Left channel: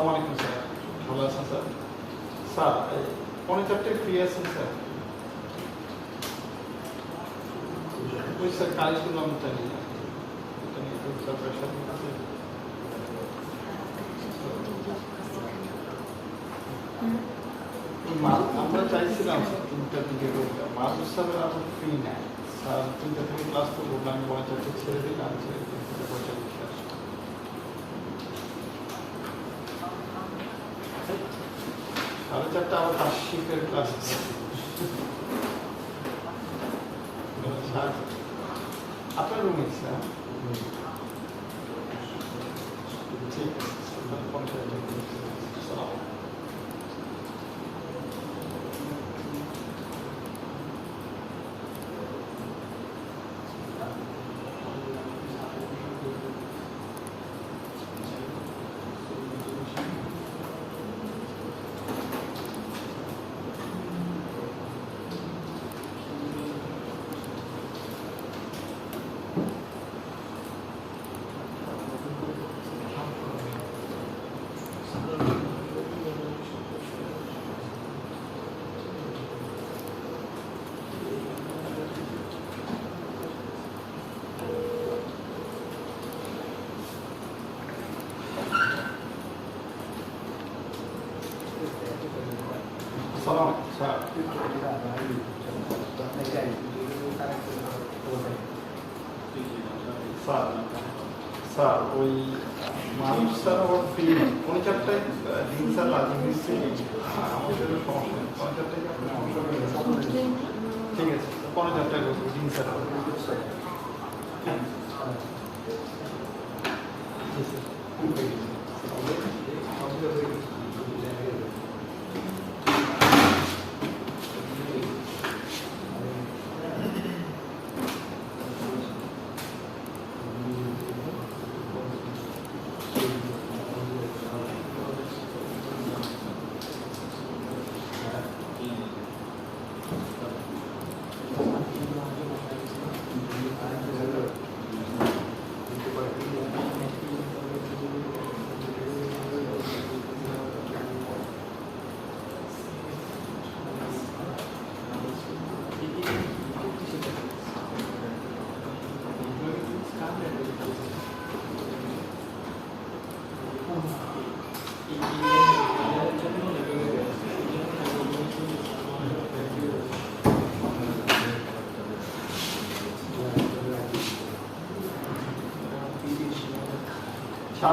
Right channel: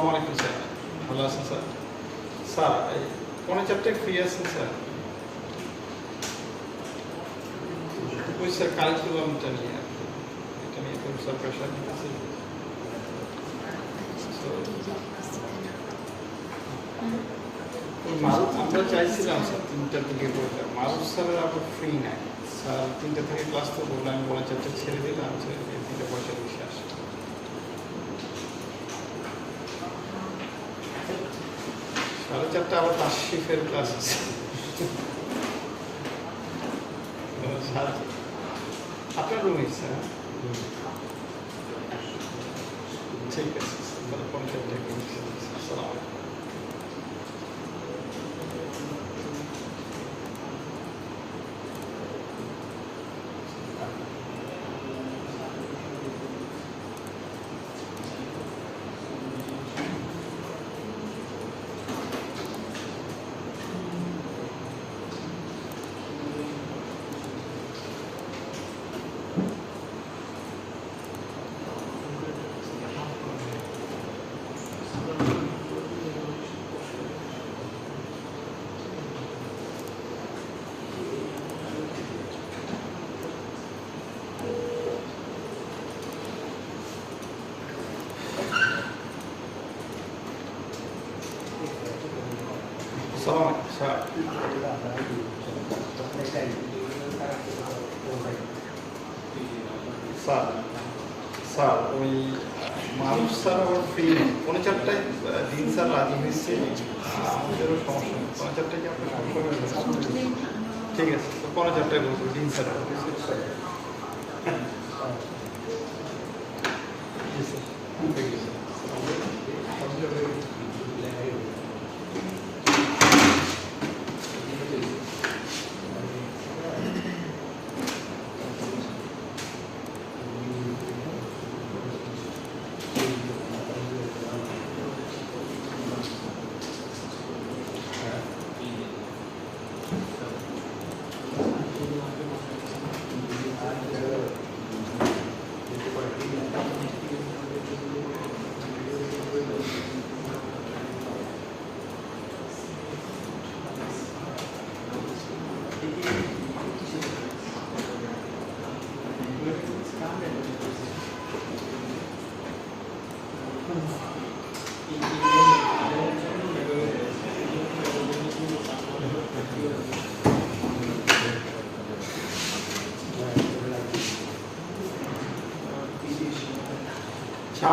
আসসালামু আলাইকুম স্যার, ভালো আছেন স্যার? স্যার পৌনে চারটায় ফ্রি আছেন স্যার? ওই স্যার কারিকুলামটা নিয়ে এটা নিয়ে তো স্যার প্রেশার আছে। আমরা চাইছিলাম স্যার 3টার দিকে করতে, মারুফ স্যারের আবার ফ্রি নাই স্যার, 3টা থেকে ক্লাস তো করবো, আমি পৌনে চারটে ছেড়ে দিলাম, 3:45 আসে। 4:30 আবার তাশরিফের ক্লাস আছে। আপনার রুমে স্যার? ঠিক আছে স্যার, 5:50 করছি। আসসালামু আলাইকুম। স্যার স্যার স্যার ওই মানুষ স্যার আবার ফ্রি 4:30 দিন স্যার রাজি হয়েছে, আমাদেরও সমস্যা নেই। 4:30 কি আপনার সমস্যা হয়ে গেছে? ঠিক আছে 4:30 বলছি দিন স্যার।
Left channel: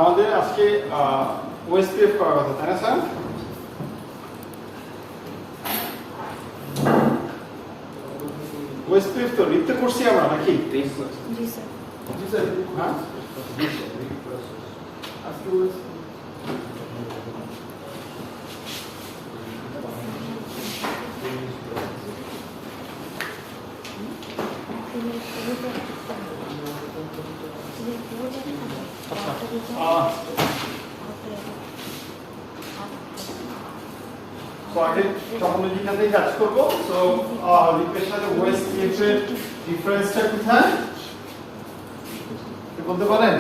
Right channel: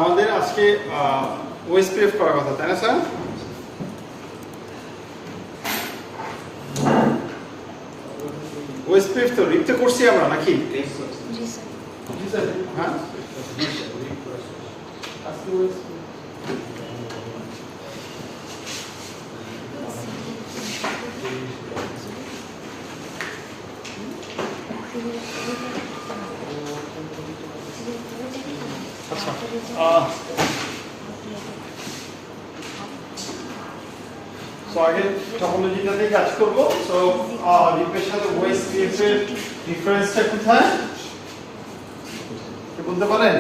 আমাদের আজকে ওএসপিএফ করার কথা, তাই না স্যার? ওএসপিএফ তো রিপতে করছি আমরা নাকি? জি স্যার। হ্যাঁ টপোলজিটাতেই কাজ করবো। সো রিপের সাথে ওএসপিএফ এর ডিফারেন্সটা কোথায় বলতে পারেন?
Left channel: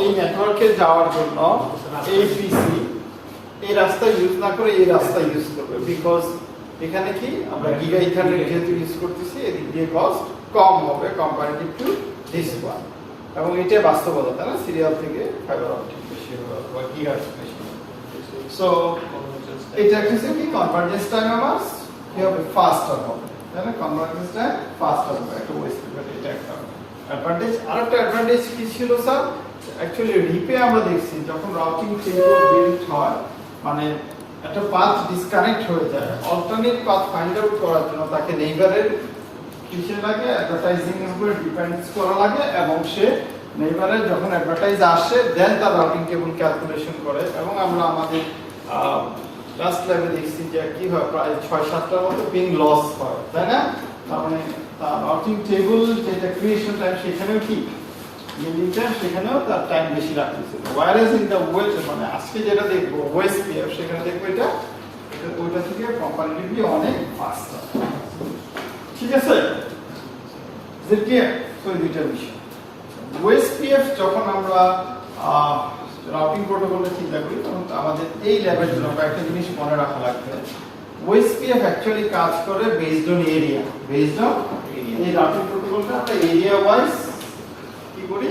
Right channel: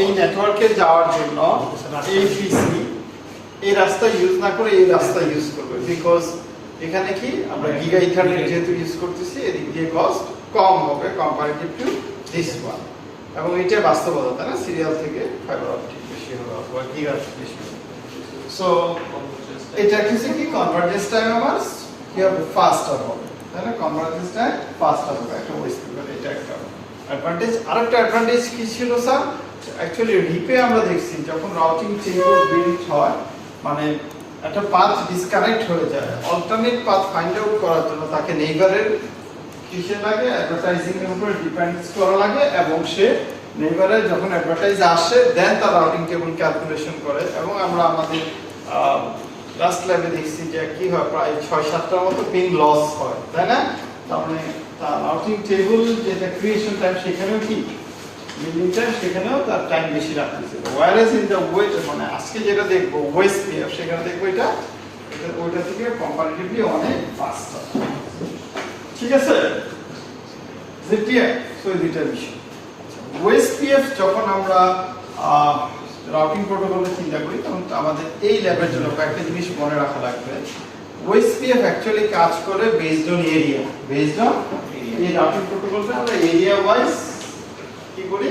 এই নেটওয়ার্কে যাওয়ার জন্য এই পিসি এই রাস্তা ইউজ না করে এই রাস্তা ইউজ করবে, বিকজ এখানে কি আমরা গিগা ইথারনেট যেহেতু ইউজ করতেছি, এদিক দিয়ে কস্ট কম হবে কম্পারেটিভ টু দিস ওয়ান, এবং এটা বাস্তবতা, তাই না? সিরিয়াল থেকে ফাইবার অপটিক বেশি হবে অথবা গিগা বেশি হবে। সো এটা কি কনভার্জেন্স টাইম আমার কি হবে, ফাস্টার হবে, তাই না? কনভার্জেন্স টাইম ফাস্টার হবে একটা ওএসপি, বাট এটা একটা অ্যাডভান্টেজ। আরেকটা অ্যাডভান্টেজ কি ছিল স্যার? অ্যাকচুয়ালি রিপে আমরা দেখছি যখন রাউটিং টেবিল বিল্ড হয়, মানে একটা পাথ ডিসকানেক্ট হয়ে যায়, অল্টারনেট পাথ ফাইন্ড আউট করার জন্য তাকে নেইবারের কিসে লাগে, অ্যাডভার্টাইজিং এর উপর ডিপেন্ডস করা লাগে, এবং সে নেইবারে যখন অ্যাডভার্টাইজ আসে দেন তার রাউটিং টেবিল ক্যালকুলেশন করে। এবং আমরা আমাদের লাস্ট ল্যাবে দেখছি যে কি হয়, প্রায় 6-7টার মতো পিং লস হয়, তাই না? তার মানে তার রাউটিং টেবিল যেটা ক্রিয়েশন টাইম সেখানেও কি মিলিং টাইম সেখানেও তার টাইম বেশি রাখতেছে। ওয়্যারএস ইন দ্য ওয়েট, মানে আজকে যেটা দেখবো ওএসপিএফ, সেখানে দেখবো এটা ওইটা থেকে কম্পারেটিভলি অনেক ফাস্টার। ঠিক আছে? সো এই দুইটা বিষয়। ওএসপিএফ যখন আমরা রাউটিং প্রোটোকলে চিন্তা করি তখন আমাদের এই ল্যাবের জন্য কয়েকটা জিনিস মনে রাখা লাগবে। ওএসপিএফ অ্যাকচুয়ালি কাজ করে based on area, based on এই রাউটিং প্রোটোকলটা আমরা এরিয়া ওয়াইজ কি করি,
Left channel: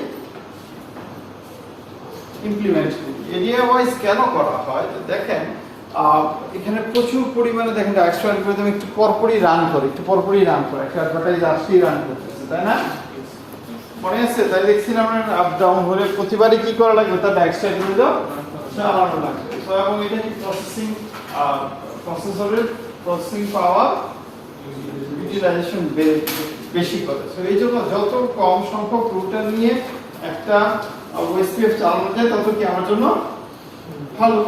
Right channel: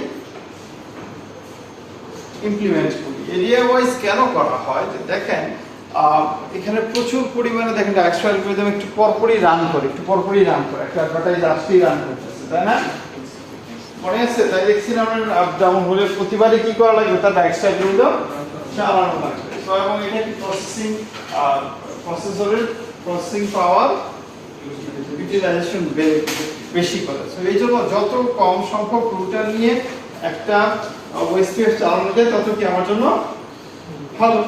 ইমপ্লিমেন্ট করি। এরিয়া ওয়াইজ কেন করা হয় যে দেখেন এখানে প্রচুর পরিমাণে দেখেন ডাইরেক্ট অ্যালগরিদম একটু পরপরই রান করে, একটা অ্যাডভার্টাইজ আসলেই রান করতেছে, তাই না? মনে আছে তাই দেখছি না আমরা আপ ডাউন হলে প্রতিবারই কি করা লাগবে, তার ডাইরেক্ট অ্যালগরিদম চালানো লাগবে। সো এবং এটা কি প্রসেসরের প্রসেসিং পাওয়ার ইউটিলাইজেশন বেশি করে। সো এই জন্য যত কম সংখ্যক রুটার নিয়ে একটা ওএসপিএফ চালানো যায় তত কি আমার জন্য ভালো।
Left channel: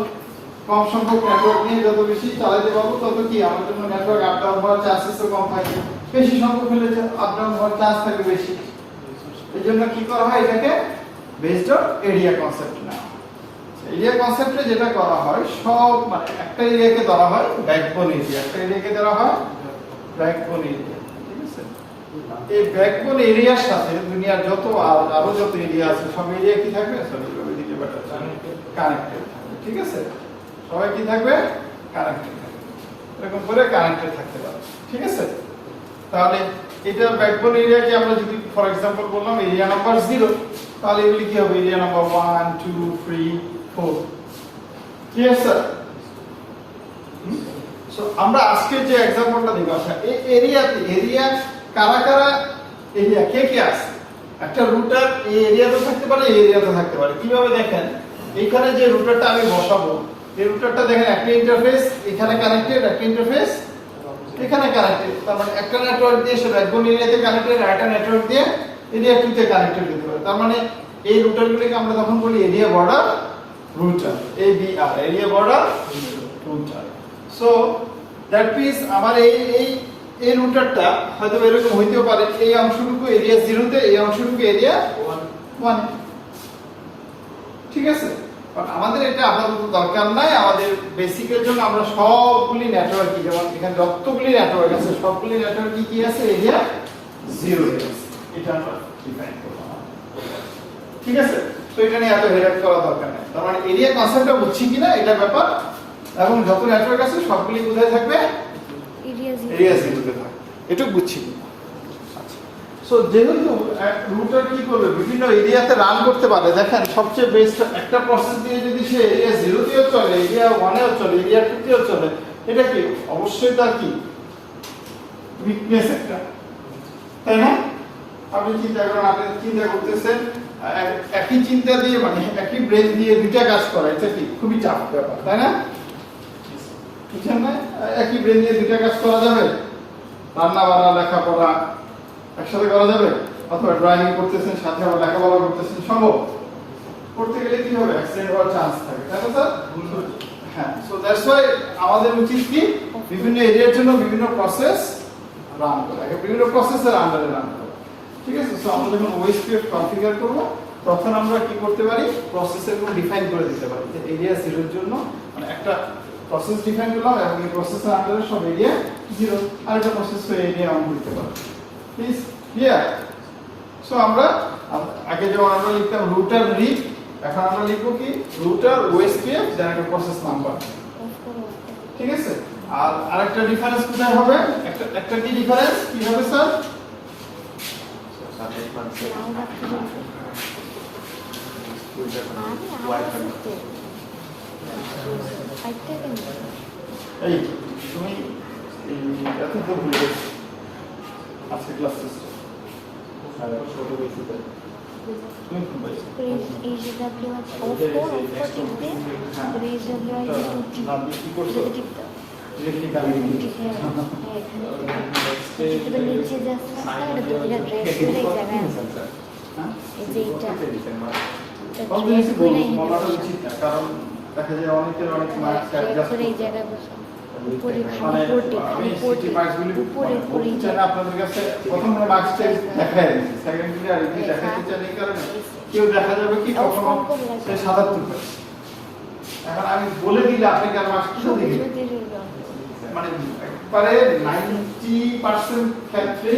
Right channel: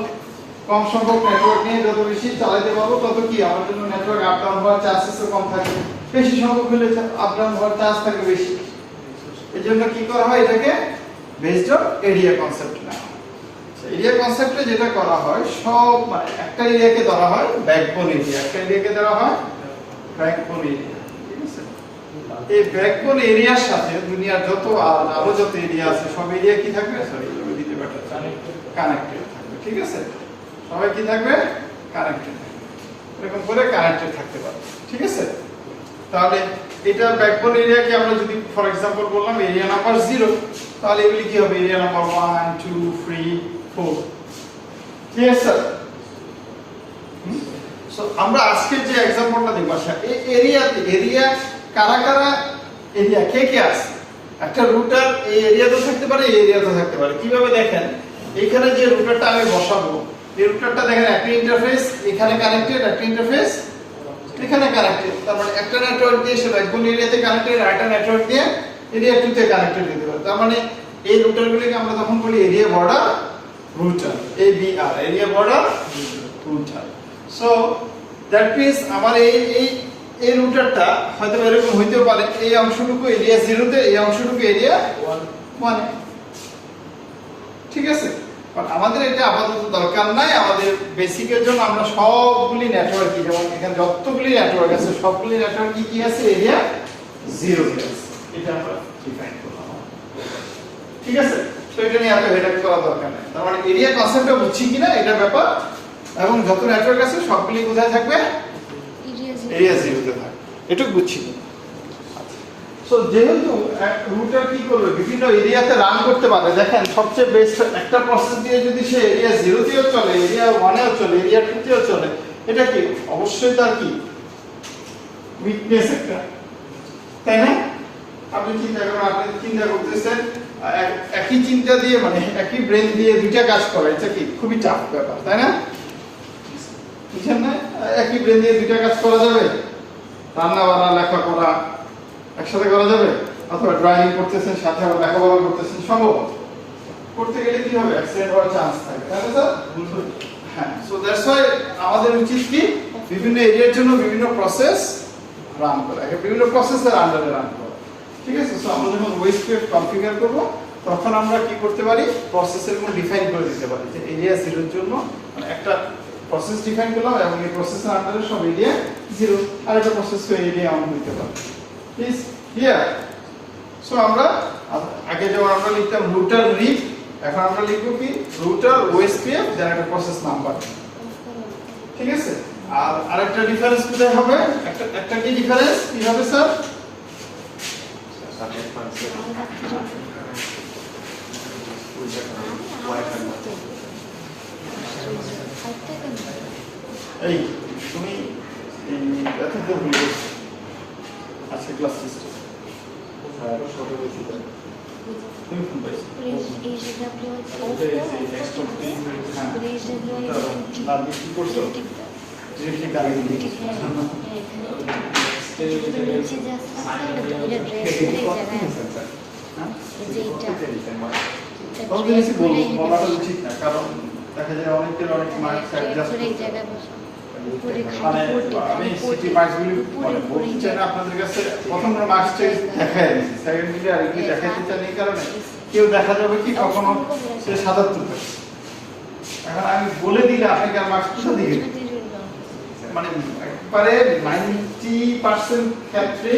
কম সংখ্যক নেটওয়ার্ক নিয়ে যত বেশি চালাতে পারবো তত কি আমার জন্য নেটওয়ার্ক আপ ডাউন হওয়ার চান্সেস কম থাকে, বেশি সংখ্যক হলে আপ ডাউন হওয়ার চান্স থাকে বেশি। এই জন্য কি করা হয়, এটাকে বেসড অন এরিয়া কনসেপ্ট না। এরিয়া কনসেপ্টে যেটা করা হয় সব মানে একটা এরিয়াকে ধরা হয় ব্যাকবোন এরিয়া, একটা এরিয়াকে ধরা হয় ব্যাকবোন এরিয়া, ঠিক আছে? এই ব্যাকবোন এরিয়ার সাথে দুনিয়ার যত আরো যত এরিয়া আছে সব এরিয়া কি থাকবে, সরি দিতে বেটার কানেক্টেড থাকবে, ঠিক আছে? সবাই কি থাকবে, কানেক্টেড থাকবে, এরকম করে কানেক্টেড থাকতে পারবে, ঠিক আছে? তাহলে এটা ব্যাকবোন এরিয়াকে আমরা যদি ফর এক্সাম্পল বললাম এরিয়া নাম্বার 0, তাহলে এগুলি কি হবে, এরিয়া নাম্বার 1 2 3 4, ঠিক আছে স্যার? সো আমরা আজকে যে एग्जांपलটা দেখব, আচ্ছা এই এরিয়া কারা কারা এরিয়া কে কে আছে, একটা রুটার এই এরিয়াতে থাকতে পারে, এই এরিয়াতে থাকতে পারে। কিভাবে দেখেন, এখানে যে রুটারটা আমি বসাবো এই রুটারটা দেখেন একটা ইন্টারফেস এখানে কানেক্টেড, একটা ইন্টারফেস এখানে কানেক্টেড, তার মানে একটা নেটওয়ার্ক দিয়ে সে ব্যাকবোন এরিয়াতে কানেক্টেড, আরেকটা নেটওয়ার্ক দিয়ে এরিয়া 2 তে কানেক্টেড হতে পারে। তার মানে এই রুটারগুলোকে আমরা তখন বলি area border rotor, ABR, area border rotor. So that means আমার এই রুটারটা হয়তো এরকম হইতেও পারে, এই অংশটুকু এরিয়া 0 তে, এই অংশটুকু এরিয়া 1 এ, ঠিক আছে? কারণ আমাদের এটা আপাতত দরকার নাই, আমাদের বেসিকের জন্য আমরা সবগুলি নেটওয়ার্ক, যেমন এখানে যতগুলি নেটওয়ার্ক আছে সবগুলি নেটওয়ার্ক কি আছে, এরিয়া 0 এ আছে, এটা আমরা ডিফাইন করলাম, ঠিক আছে? তো এটা নিয়ে এত হেডেক করা দরকার নাই। তার মানে এরিয়া কনসেপ্টটা বুঝছি কিনা এটা ব্যাপার, এবং যত নেটওয়ার্ক আছে সবগুলি কোথায় থাকবে, এরিয়া 0 তে থাকবে, এটুকু বুঝছি কিনা? সো যেহেতু রুটার কি করবে, বিভিন্ন এরিয়াতে রান করতে পারে। দেখেন সবচেয়ে বেস্ট একটা প্রসেস দিয়ে যদি সে এরিয়া 0 তেও চলে, এরিয়া 1 এও চলে, এরিয়া 2 তেও চলে, এটা কি অবশ্যই তার কি উইকনেস একটা, তাই না? আপনি চিন্তা করেন, আপনি চিন্তা করতেছেন একই চিন্তা দিয়ে মানে একই ব্রেন দিয়ে দুইটা কাজ করা, এটা কি খুবই টাফ ব্যাপার, তাই না? বুঝছেন না? একই ব্রেন দিয়ে দুইটা কাজ করা যাবে? রান্না বান্না লেখাপড়া একসাথে করা যাবে? অথবা ড্রাইভিং করতেছেন সাথে আবার লেখাপড়া করতেছেন, সম্ভব? করতে গেলে কি হবে, অ্যাক্সিডেন্ট হওয়ার চান্স থাকে, তাই না স্যার? হ্যাঁ, সো দ্যাটস ওয়াই আমাদের উচিত কি বিভিন্ন এরিয়ার জন্য বিভিন্ন প্রসেস রান করা, বিভিন্ন প্রসেসের আন্ডারে রান করা, ঠিক আছে? সো আমরা যখন ওএসপিএফ কনফিগার করব তখন আমরা কি করতে পারি, প্রসেসের গুলো ডিফাইন করে দিতে পারি যে এরিয়া 0 এর জন্য মানে একটা প্রসেস ডিফাইন করলাম এবং এই প্রসেসের আন্ডারে সব এরিয়া 0, আর একটা প্রসেস তো এরিয়া অন হতে পারে। Please clear? সো আমরা আগে যখন আমরা লিখতাম রুটার রিড, এখন আমরা লিখব কি রুটার ওএসপিএফ দেন একটা প্রসেস নাম্বার, ঠিক আছে? আর আরেকটা ডিফারেন্স কোথায় হবে, একটা কি ডিফারেন্স কি হবে স্যার? এই তুমি এত দূর ভুলে গেছো আজকে ক্লাস টেস্ট ছোট বেশি তাই তুমি কোন পাইছো HWI off টিপতে HWI আপনি কি করছো ডিরেক্টলি কানেক্ট এটা নিচে জাস্ট এটা ড্রেস করে জায়গায় হ্যাঁ যেটা তখন বেশি বলা উচিত না, কারণ দেখা যায় অনেকের অনেক মার্কস অ্যাডজাস্ট করে এই জায়গায় বসা উপরে খালি পোর্টে উপরে বলতে না আপনাদের কাছে প্রথম মার্কস চেক দেখায় দিয়েছি, সেকেন্ডলি আর কি দেখাতে চাই এই কারণে কেউ দেখা যাবে কি কখনো সে 77 পায়, এখন আমি বলে দিলে আপনাকে আর মার্কস কিসে দিবেন, মানে একবারে 90% ক্ষেত্রে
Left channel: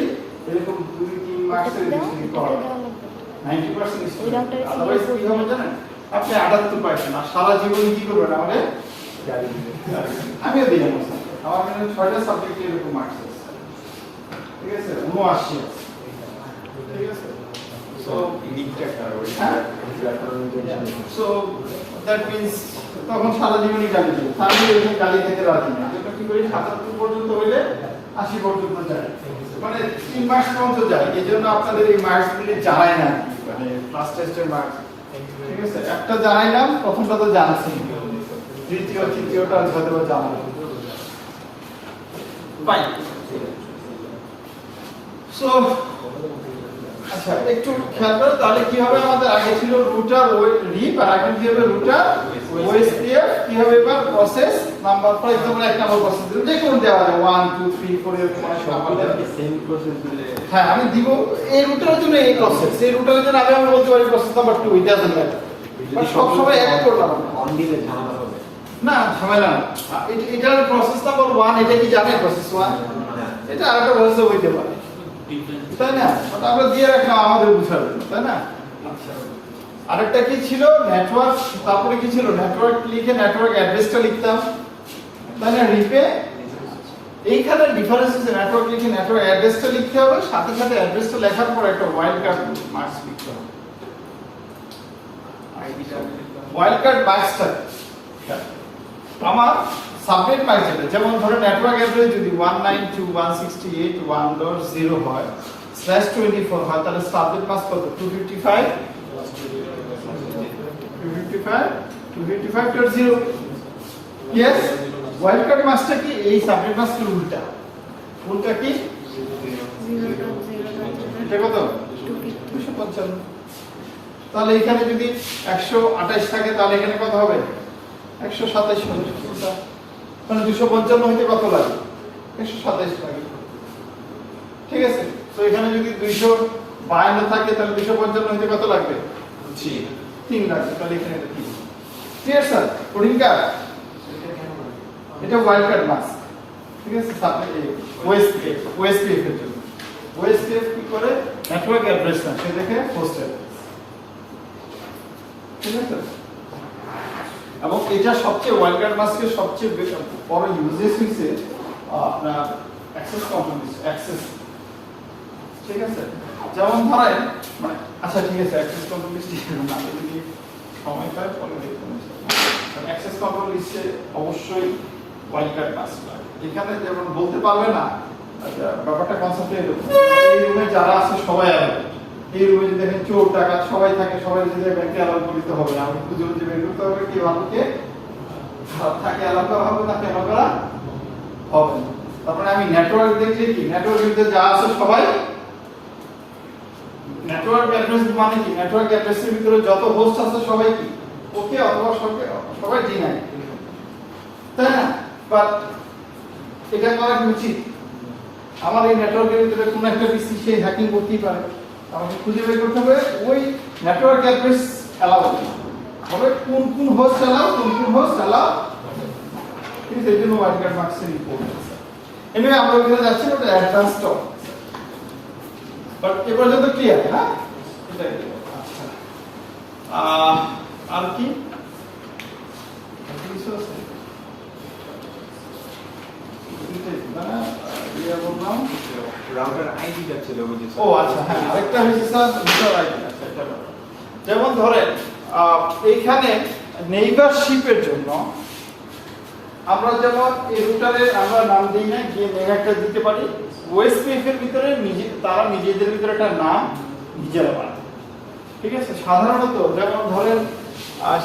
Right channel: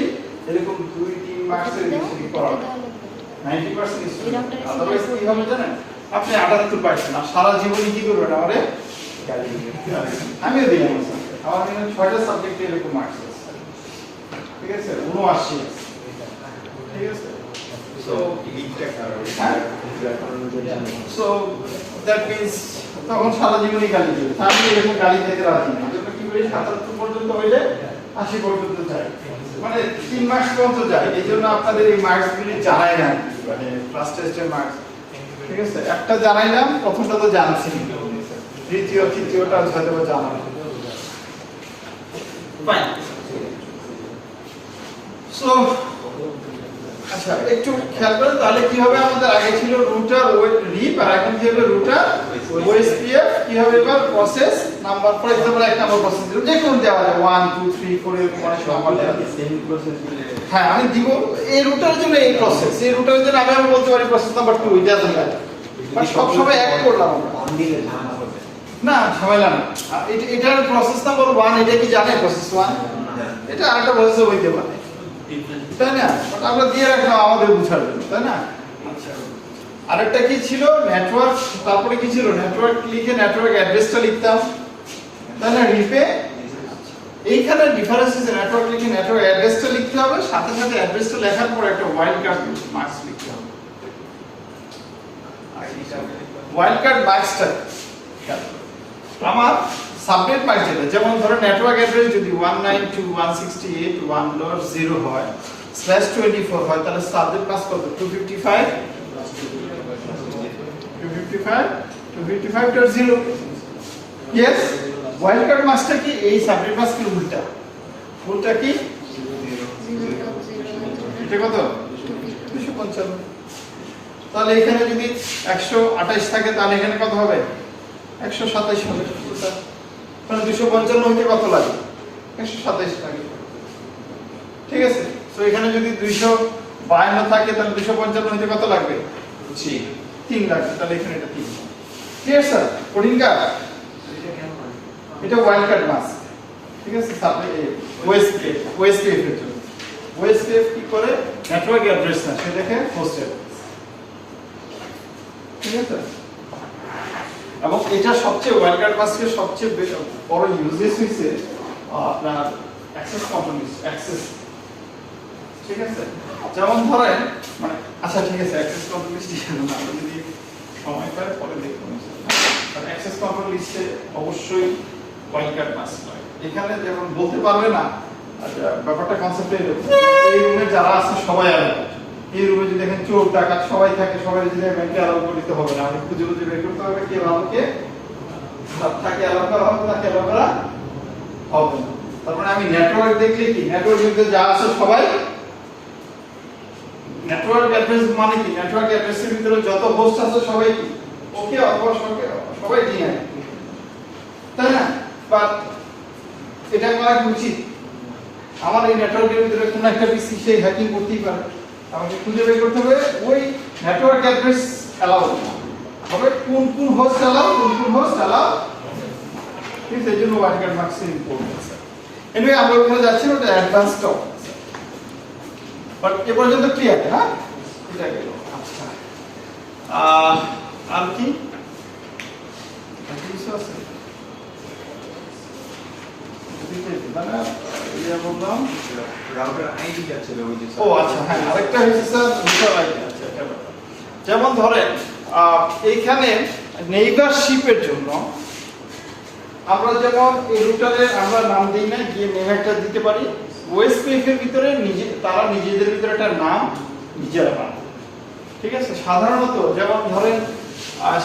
এরকম 2-3 মার্কসের দাও, বেশি এটা পড়াবে দেওয়া লাগবে। 90% এই স্টুডেন্ট ডক্টরের আদারওয়াইজ সিগনেচার কি হবে জানেন আপনি 78 আর সারা জীবন কি করবেন আমারে আমিও দিই আমার মানে 6টা সাবজেক্টে এরকম মার্কস আছে ঠিক আছে 79 ঠিক আছে সো সো দ্যাট মিন্স তখন সারা জীবনই গালি দিবে আমি এরকম গালি দিতে রাজি না এটা কি করি 77 পর্যন্ত হইলে 80 পর্যন্ত যায় মানে 3 মাস পর্যন্ত যায় এই জন্য আপনাদের এই মার্কস গুলি জানাই না মানে ক্লাস টেস্টের মার্কস ঠিক আছে একটা জানাইলাম প্রথমটা তো জানাছি দ্বিতীয় তৃতীয়টা হয়তো জানা ফাইন সো আচ্ছা একটু খেয়াল করে তাহলে কি হবে আমাদের আগে ছিল রুটার রিপ আর এখন কি হবে রুটার ওএসপিএফ কি হবে এবার প্রসেস নাম্বার ফর एग्जांपल এক নাম্বার প্রসেস যে কোন দেওয়া যায় 1 2 3 4 এরকম অনেক নাম্বার দেওয়া সেম প্রসেস দিলে হ্যাঁ আমি দিব এই রুটারের জন্য এই প্রসেস এই রুটারের জন্য আমি বলতে পারি process number 2 it doesn't matter but সব সময় এক করলাম অন দিলে ঝামেলা হবে না ঝামেলা না এটার প্রসেস নাম্বার 1 এটা কি জানে প্রসেস 1 এটা আরেকটা প্রসেস হইতে পারে তাই না বাট আমরা দিয়ে রাখলাম আমাদের বুঝার জন্য তাই না আরেকটা কি ছিল নেটওয়ার্ক তারপরে কি ছিল নেটওয়ার্ক লিখে নেটওয়ার্ক অ্যাড্রেসটা লিখতাম তাই না রিপে এইখানে ডিফারেন্স আছে নেটওয়ার্ক লিখে নেটওয়ার্ক অ্যাড্রেসটা লিখতে হবে সাথে সাথে অ্যাড্রেসটা লেখার পর একটা ওয়াইল্ড কার্ড মার্কস লিখতে হবে ওয়াইল্ড কার্ড মার্কসটা আমার সাবনেট মার্ক যেটা যেমন ধরো নেটওয়ার্ক অ্যাড্রেস যদি 192.168.1.0 হয় /24 হয় তাহলে সাবনেট মাস্ক কত 255.0 ইয়েস ওয়াইল্ড কার্ড মাস্কটা কি এই সাবনেট মাস্কের উল্টা উল্টা কি এটা কত 255 তাহলে এখানে যদি 128 থাকে তাহলে এখানে কত হবে 127 হবে মানে 255 হইতে কত লাগে 127 লাগে ঠিক আছে তো এখানে যদি 252 থাকে তাহলে 255 হইতে কত লাগবে 3 লাগবে তাহলে এখানে এটা 3 ক্লিয়ার স্যার কোডিং কার্ড এটা ওয়াইল্ড কার্ড মাস্ক ঠিক আছে সাথে ওএসপিএফ এর জন্য ওএসপিএফ কি করে নেটওয়ার্ক অ্যাড্রেস না সে দেখে হোস্ট অ্যাড্রেস ঠিক আছে এবং এটা সবচেয়ে ওয়াইল্ড কার্ড মাস্কের সবচেয়ে বড় ইউজেস হইছে আপনার অ্যাক্সেস কন্ট্রোল অ্যাক্সেস ঠিক আছে যেমন ধরেন মানে আচ্ছা ঠিক আছে অ্যাক্সেস কন্ট্রোল লিস্ট না যদি সময় পাই পরে দেখব অ্যাক্সেস কন্ট্রোল লিস্টে অবশ্যই ওয়াইল্ড কার্ড মাস্ক লাগে এখানে যেমন বলতে পারবে না ব্যাপারটা কনসেপ্টে এরকম এই রুমে যারা আছে সবাই আলাদা এই রুমে যদি দেখেন চোর ডাকাত সবাই থাকে সবাই যদি ব্যাংকে অ্যালাউ করতে হবে না খুঁজে খুঁজে বের করতে হবে কে ভালোকে তাকে অ্যালাউ করা হবে তাকে অ্যালাউ করা হবে না তারপরে আমি নেটওয়ার্ক দেখলে কি নেটওয়ার্কের ভিতরে যা আছে সবাই নেটওয়ার্ক অ্যাড্রেস মানে কি নেটওয়ার্ক অ্যাড্রেসের ভিতরে যত হোস্ট আছে সবাই কি ওকে অথবা সবাই ডিনাই তাই না বাট এটা করা উচিত আমার এই নেটওয়ার্কের ভিতরে কোন একটা পিসি সেই হ্যাকিং করতেই পারে আমাকে খুঁজে বের করতে হবে ওই নেটওয়ার্ক অ্যাড্রেস অ্যালাউ হবে কোন কোন হোস্ট অ্যালাউ ঠিক আছে এই জন্য ওয়াইল্ড কার্ড মার্কসের ইম্পর্টেন্স এনিওয়ে আমরা ওখানে যাচ্ছি ওটা অ্যাডভান্স টপ বাট এ পর্যন্ত ক্লিয়ার না এটা আচ্ছা আর কি কিছু আছে না ইয়া বললাম রাউটার আইডি যাচ্ছিল ওই যে ও আচ্ছা হ্যাঁ আরেকটা হচ্ছে স্যার বিষয় আইডি আচ্ছা এটা যেমন ধরেন এইখানে নেইবারশিপের জন্য আমরা যেমন এই রুটারে আমরা নাম দেই না গিয়ে নেম একটা দিতে পারি ওএসপিএফ এর ভিতরে তারা নিজেদের ভিতরে একটা নাম নিজেরা বানায় ঠিক আছে সাধারণত যেমন ধরেন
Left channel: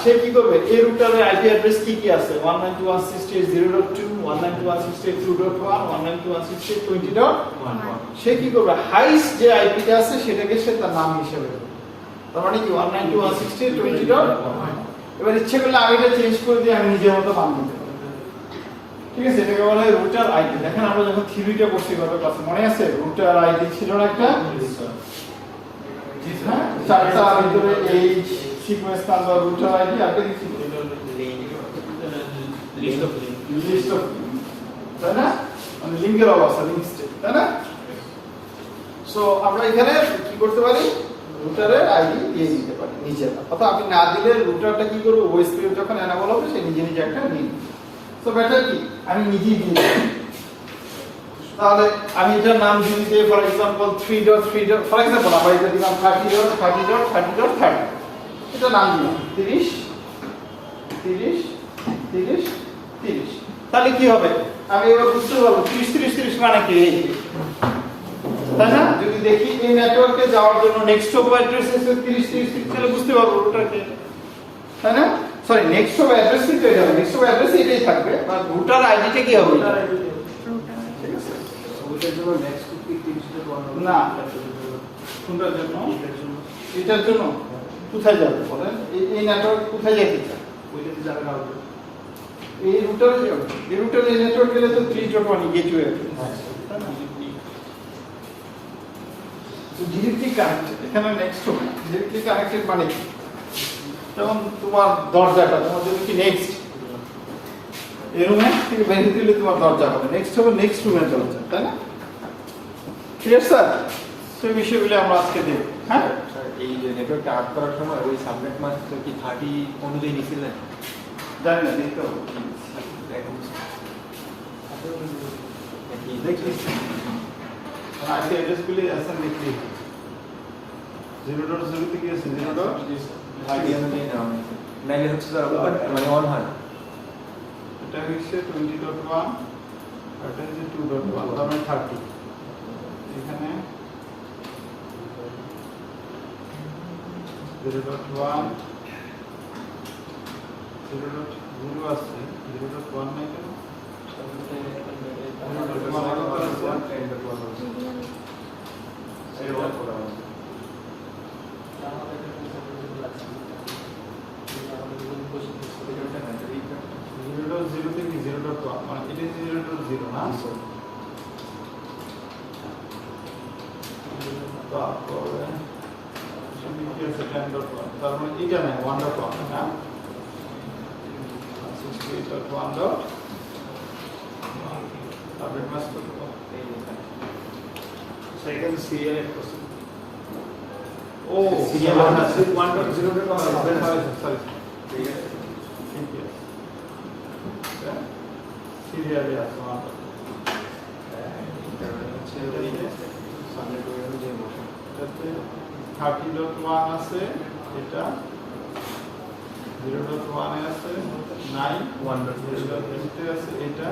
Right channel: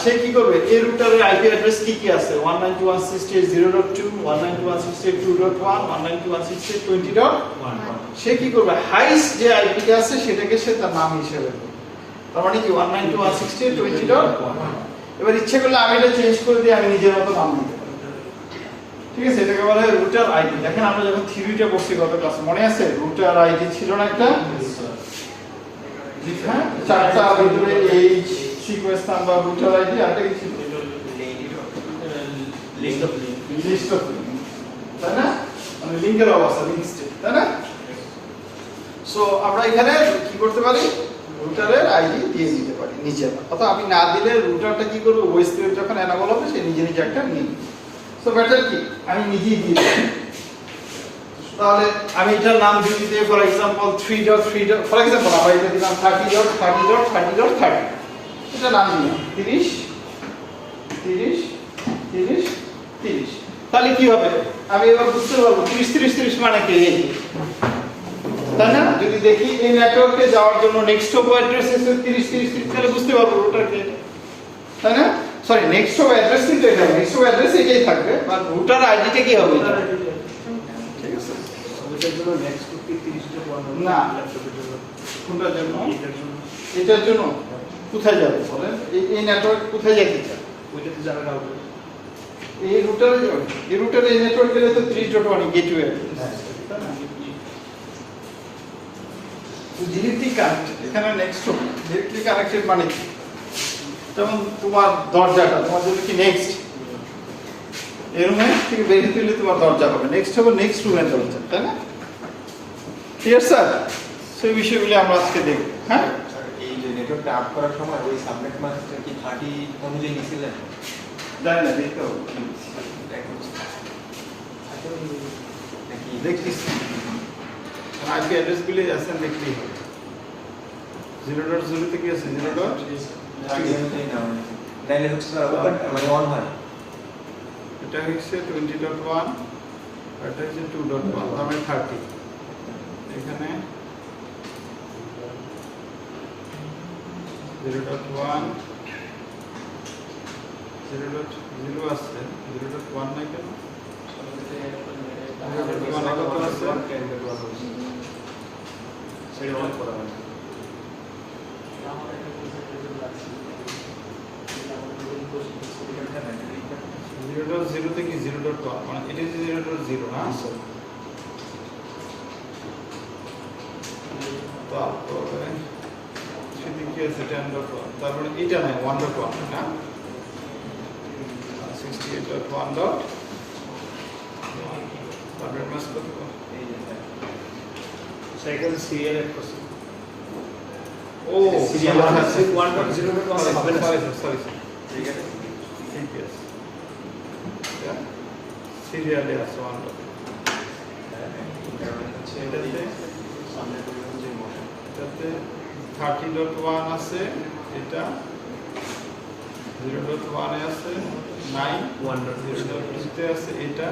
সে কি করবে এই রুটারের আইপি অ্যাড্রেস কি কি আছে 192.168.0.2 192.168.2.1 192.168.20.1 সে কি করবে হাইস্ট যে আইপিটা আছে সেটাকে সে তার নাম হিসেবে করবে তার মানে কি 192.168.20.1 এবার ইচ্ছে করলে আমি এটা চেঞ্জ করে দিয়ে আমি নিজের মতো নাম দিতে পারি ঠিক আছে এটাকে বলা হয় রুটার আইডি দেখেন আমরা যখন থিওরিটা করছি গত ক্লাসে মনে আছে রুটার আইডি ছিল না একটা হ্যাঁ চারটা ভিতরে H sequence number router ID আর কি ছিল লিস্ট অফ তাই না মানে লিংকের অবস্থা লিংক স্টেট তাই না সো সো আমরা এখানে কি করতে পারি, রুটারের আইডি দিয়ে দিতে পারি নিজেরা, অথবা আমি না দিলে রুটারটা কি করবে, ওই স্ক্রিপ্ট যখন এনাবল হবে সে নিজে নিজে একটা নিয়ে, সো বেটার কি আমি নিজেই দিয়ে দিই। তাহলে আমি এটার নাম দিয়ে ফর এক্সাম্পল 3.3 ফর এক্সাম্পল আমরা এটা দিলাম 30.30.30.30, এটা নাম দিলাম 30 30 30 30। তাহলে কি হবে, আমি এবার বুঝতে পারবো 30 30 30 মানে কি, তাই না? যদি দেখি এই নেটওয়ার্কে যাওয়ার জন্য নেক্সট হপ অ্যাড্রেস এসে 30 30 30, তাহলে বুঝতে পারবো রুটারকে, তাই না? সরি নেক্সট হপ অ্যাড্রেস কিন্তু এটা নেক্সট হপ অ্যাড্রেস এটাই থাকবে, আর রুটার আইডিটা কি হবে এটা? ওইটার জন্য নেক্সট কুকি 30.1 না। কোনটার জন্য? এটার জন্য কোথায় যাবে বলেন, এই নেটওয়ার্ক কোথায় যেতে চায়? ওইটাতে যাবে রাউটার। এই রুটারে যাবে, এই রুটারে এই নেটওয়ার্ক গেলে তো 3.1 গেটওয়ে, তাই না? ডিরেক্টলি কানেক্টেড, এখানে নেক্সট হপ ডিরেক্টলি কানেক্টেড মানে কি, যেমন তোমার দরজাটা তোমার জন্য কি নেক্সট, এই রুমে থেকে বেরিয়ে দিলে তোমার দরজা হবে, নেক্সট হবে নেক্সট রুমে দরজা, তাই না? ঠিক আছে স্যার, সেই বিষয়গুলো আমরা আজকে দেখব। হ্যাঁ, এই যে নেটওয়ার্কটা আপ করার সময় ওই সাবনেট মাস্ক কি 30 অনুযায়ী নিছিলেন? জানি না, দেখতে হবে, এখন নাকি দেখিস আজকে অ্যাড্রেসগুলি আছেন দেখলি 0.0 থেকে আছে 0. আগে অনুযায়ী নাও নাইলে হচ্ছে স্যার ওপেন অন হয়। এটা হচ্ছে 20.1, এটা হচ্ছে 2.1, মানে 30। এখানে 0.1 0.0 আছে, 0.1 নাই কেন? জিরো থেকে 0.1 মানে এটা হচ্ছে 0.0 না, তারপরে সেদিকে কি আছে 10.1, তারপরে এটা নাই 1.1 না, 68.1 ডট তারপরে মাস কত, এই যে সাইকেল সিরিয়াল এড করছে ও সিরিয়াল 1.0.1 হবে না সরি ঠিক আছে, ঠিক আছে, সিরিয়ালে আছে 1. এটাতে 30.1 আছে, এটা 0.1 এ আছে 9, 1.0 তে আছে, এটা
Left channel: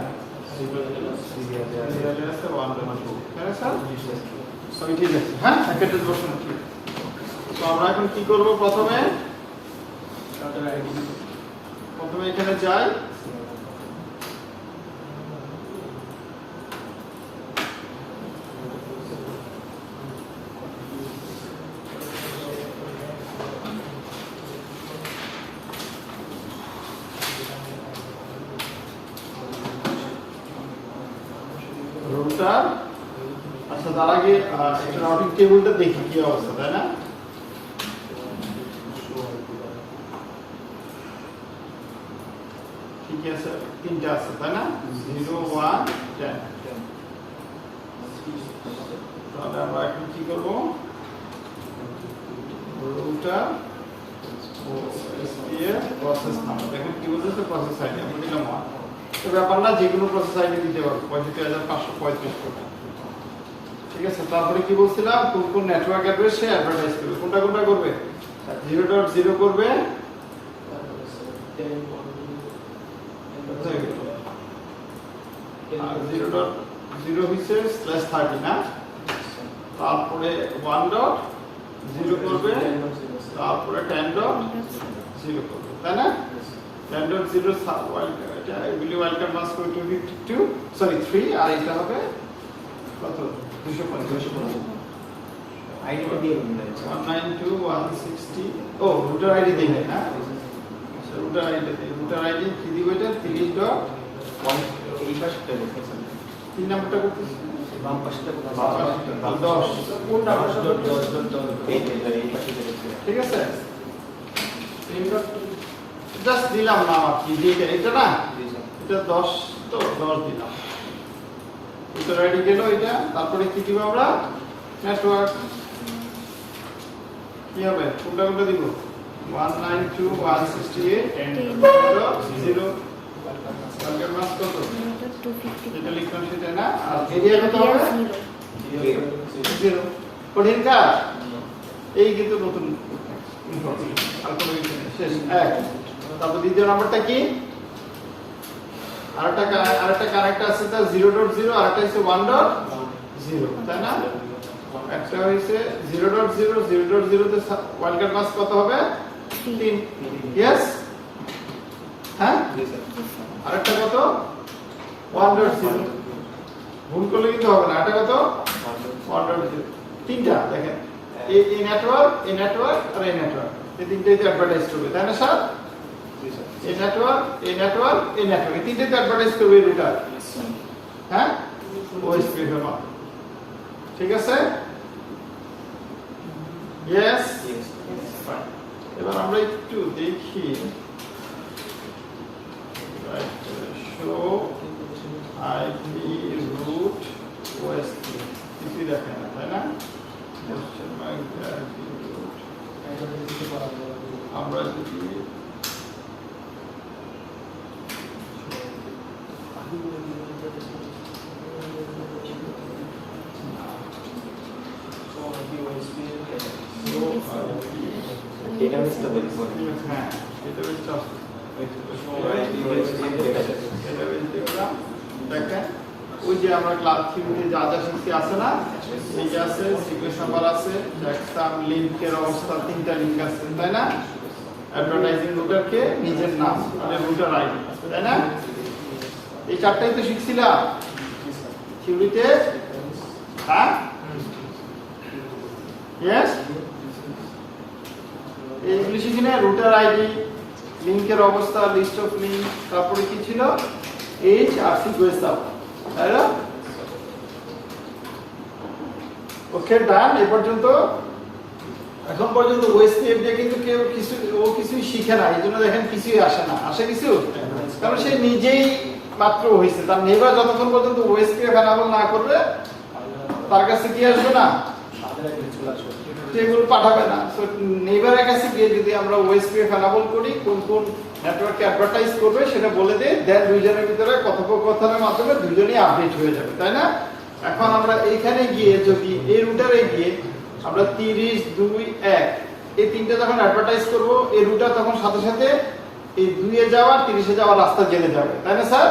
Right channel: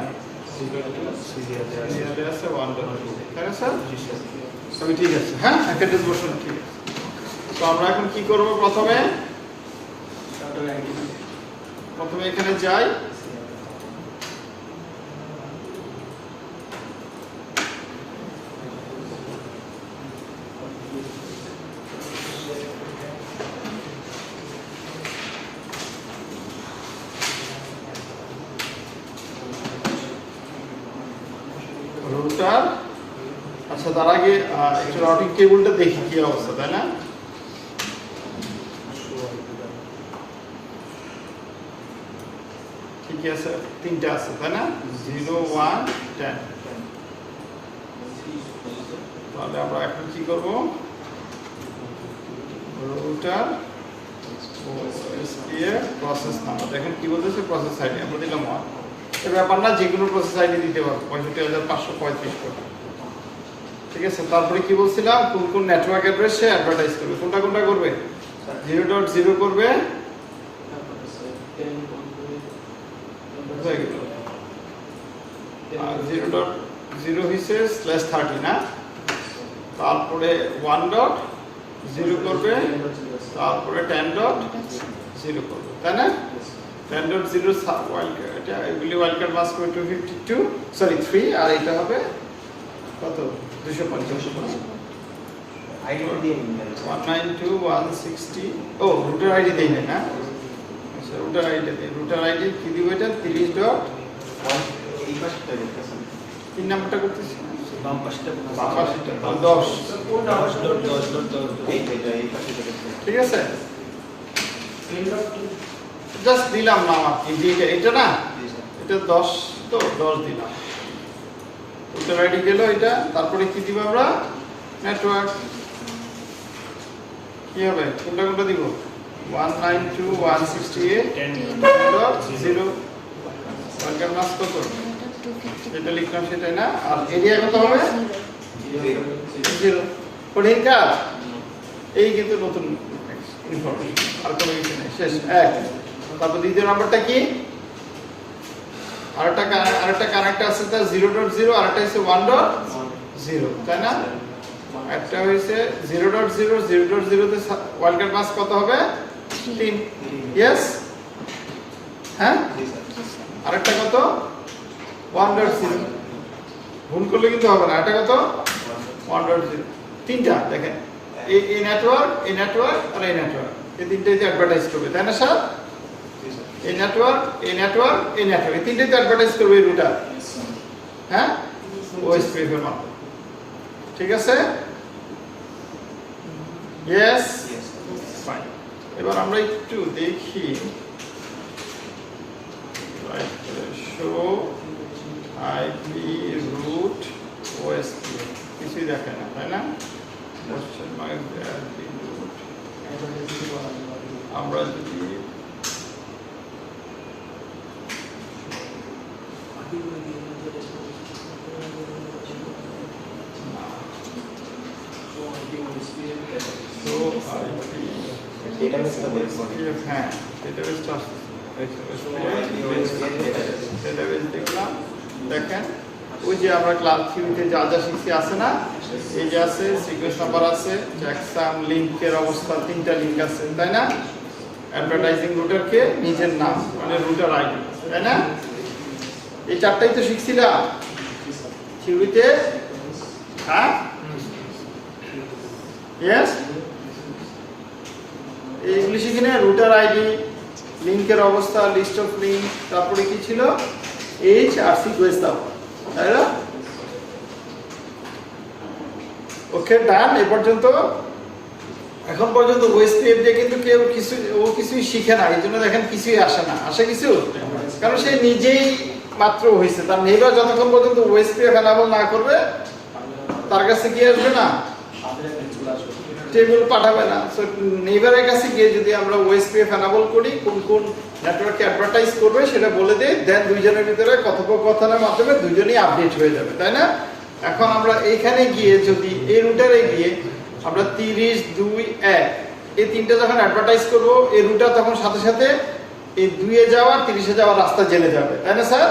সিরিয়ালে আছে 1.2, তাই না স্যার? সবই ঠিক আছে। হ্যাঁ, একটা বসুন, ঠিক আছে। তো আমরা এখন কি করব, প্রথমে এখানে যাই, রুটার, আচ্ছা তার আগে রাউটিং টেবিলটা দেখি কি অবস্থা, তাই না? ঠিক আছে, তিনটা আছে তাই না, 0 1 10। তাহলে আমরা এখন কি করব, রুটার ও এসপিএফ প্রসেস নাম্বার, দেখেন কি বলতেছে, প্রসেস আইডি আমরা দিলাম 1। এই ব্যাপার না, যে কোনো প্রসেস আইডি দিতে পারবো, 65,535 টাকা, ঠিক আছে। তারপরে কি বলছিলাম, কোন কোন নেটওয়ার্ক অ্যাড্রেস সে অ্যাডভার্টাইজ করবে, কোনটা কোনটা করবে, 0.0 করবে, আর 0.0 হইছে /30 না, তারপরে 1.0 করবে, তারপরে 10.0 করবে, তাই না? 10.0 ওয়াইল্ডকার্ড, এটা এগুলি ওয়াইল্ডকার্ড মাস্ক হবে 252, সরি 3, আর এটা হবে কত, 250 আইডিটা দিয়ে নিন 192.160। ও রুটার আইডি দিলেন না, আচ্ছা রুটার আইডি দিই, রুটার আইডি কি দিব, এটা 30. এই পাশটা দেখেছেন 3 নাম্বারটা করতেছি, বাম পাশটা 10 এই যে এই পাশে দেখেছেন ঠিক আছে। জাস্ট দিলাম না আপনি যে এটা না, এটা 10 তো 10 দিলাম, রুটার আইডি গেল এটা, তারপরে কি দিব আমরা নেটওয়ার্ক কি হবে কোনটা কোনটা দিব 192.168.0 ওয়ার্কার মাস কত এটা লিখলাম সেটাই না আর এরিয়া কত হবে 0 কঠিন কাজ এই কিন্তু নতুন ইনফরমেশন আর কোনো কিছু নেই শেষ এক তারপর দ্বিতীয় নাম্বারটা কি আরেকটা কানেক্ট আছে তার 0.0 আরেকটা হচ্ছে 1.0 তাই না একটা হইছে 0.0 0.0 তে ওয়ার্কার মাস কত হবে 3 यस হ্যাঁ আরেকটা কত 1.0 ভুল করলে কিন্তু হবে না এটা কত 1.0 তিনটা দেখেন এই নেটওয়ার্ক আর এই নেটওয়ার্ক এই তিনটাতে অ্যাডভার্টাইজ করবে তাই না স্যার এই নেটওয়ার্ক এই তিনটাতে অ্যাডভার্টাইজ করবে এই রুটার হ্যাঁ ওএসপিএফ এর মাধ্যমে ঠিক আছে यस ফাইন এবার আমরা একটু দেখি শো আইপি রুট ওএসপিএফ কিছু দেখে না তাই না আমরা যদি হ্যাঁ ডেটাবেসটা দেখলাম দেখেন ওই যে আমরা ক্লাস থিওরিতে যা যা শিখতে আছে না এই যে আছে সিকোয়েন্স নাম্বার আছে জ্যাকসন লিংকের অবস্থা তিনটা লিংক আছে তাই না অ্যাডভার্টাইজিং রুটারকে নিজের নাম মানে রুটার আইডি তাই না এই চারটাই তো শিখছিলাম থিওরিতে হ্যাঁ यस এইগুলি শিখি না রুটার আইডি লিংকের অবস্থা লিস্ট অফ লিংক তারপরে কি ছিল এইচ আর সিকোয়েন্স দাও তাই না ওকে ডান এই পর্যন্ত এখন পর্যন্ত ওএসপিএফ দিয়ে কিন্তু কেউ কিছুই শিখে না এই জন্য দেখেন কিছুই আসে না আসে কিছু কারণ সে নিজেই মাত্র হয়েছে তার নেইবার যতক্ষণ পর্যন্ত ওএসপিএফ এনাবল না করবে তার কাছে কি আসবে না টেবিল পাঠাবে না সো নেইবারের কাছে গিয়ে যদি আমরা ওএসপিএফ এনাবল করি কোন কোন নেটওয়ার্কে অ্যাডভার্টাইজ করবে সেটা বলে দেই দেন দুইজনের ভিতরে কথোপকথনের মাধ্যমে দুইজনই আপডেট হয়ে যাবে তাই না এখন আমরা এইখানে গিয়ে যদি এই রুটারে গিয়ে আমরা 30 2 1 এই তিনটা যখন অ্যাডভার্টাইজ করব এই রুটার তখন সাথে সাথে এই 2 এ যাওয়া 30 এ যাওয়ার রাস্তা জেনে যাবে তাই না স্যার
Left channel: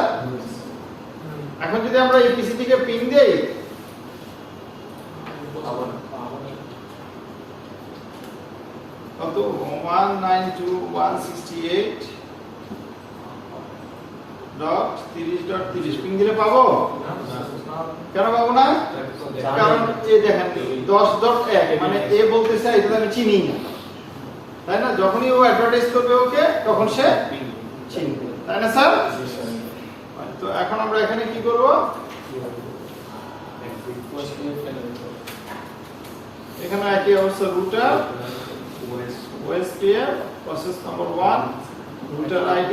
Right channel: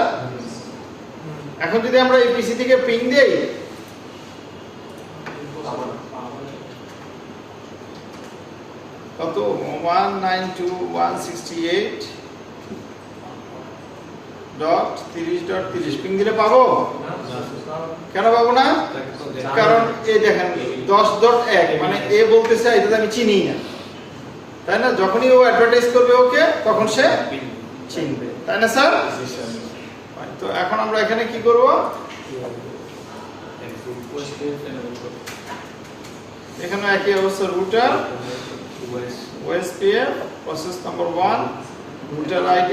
এখন যদি আমরা এই পিসি থেকে পিং দেই কত 192.168.30.30 পিং দিলে পাবো কেন পাবো না কারণ এই দেখেন 10.1 মানে এ বলতেছে এটা আমি চিনি না তাই না যখনই ও অ্যাডভার্টাইজ করবে ওকে তখন সে চিনবে তাই না স্যার তো এখন আমরা এখানে কি করব এখানে একই অবস্থা rotor OSPF process number 1 router ID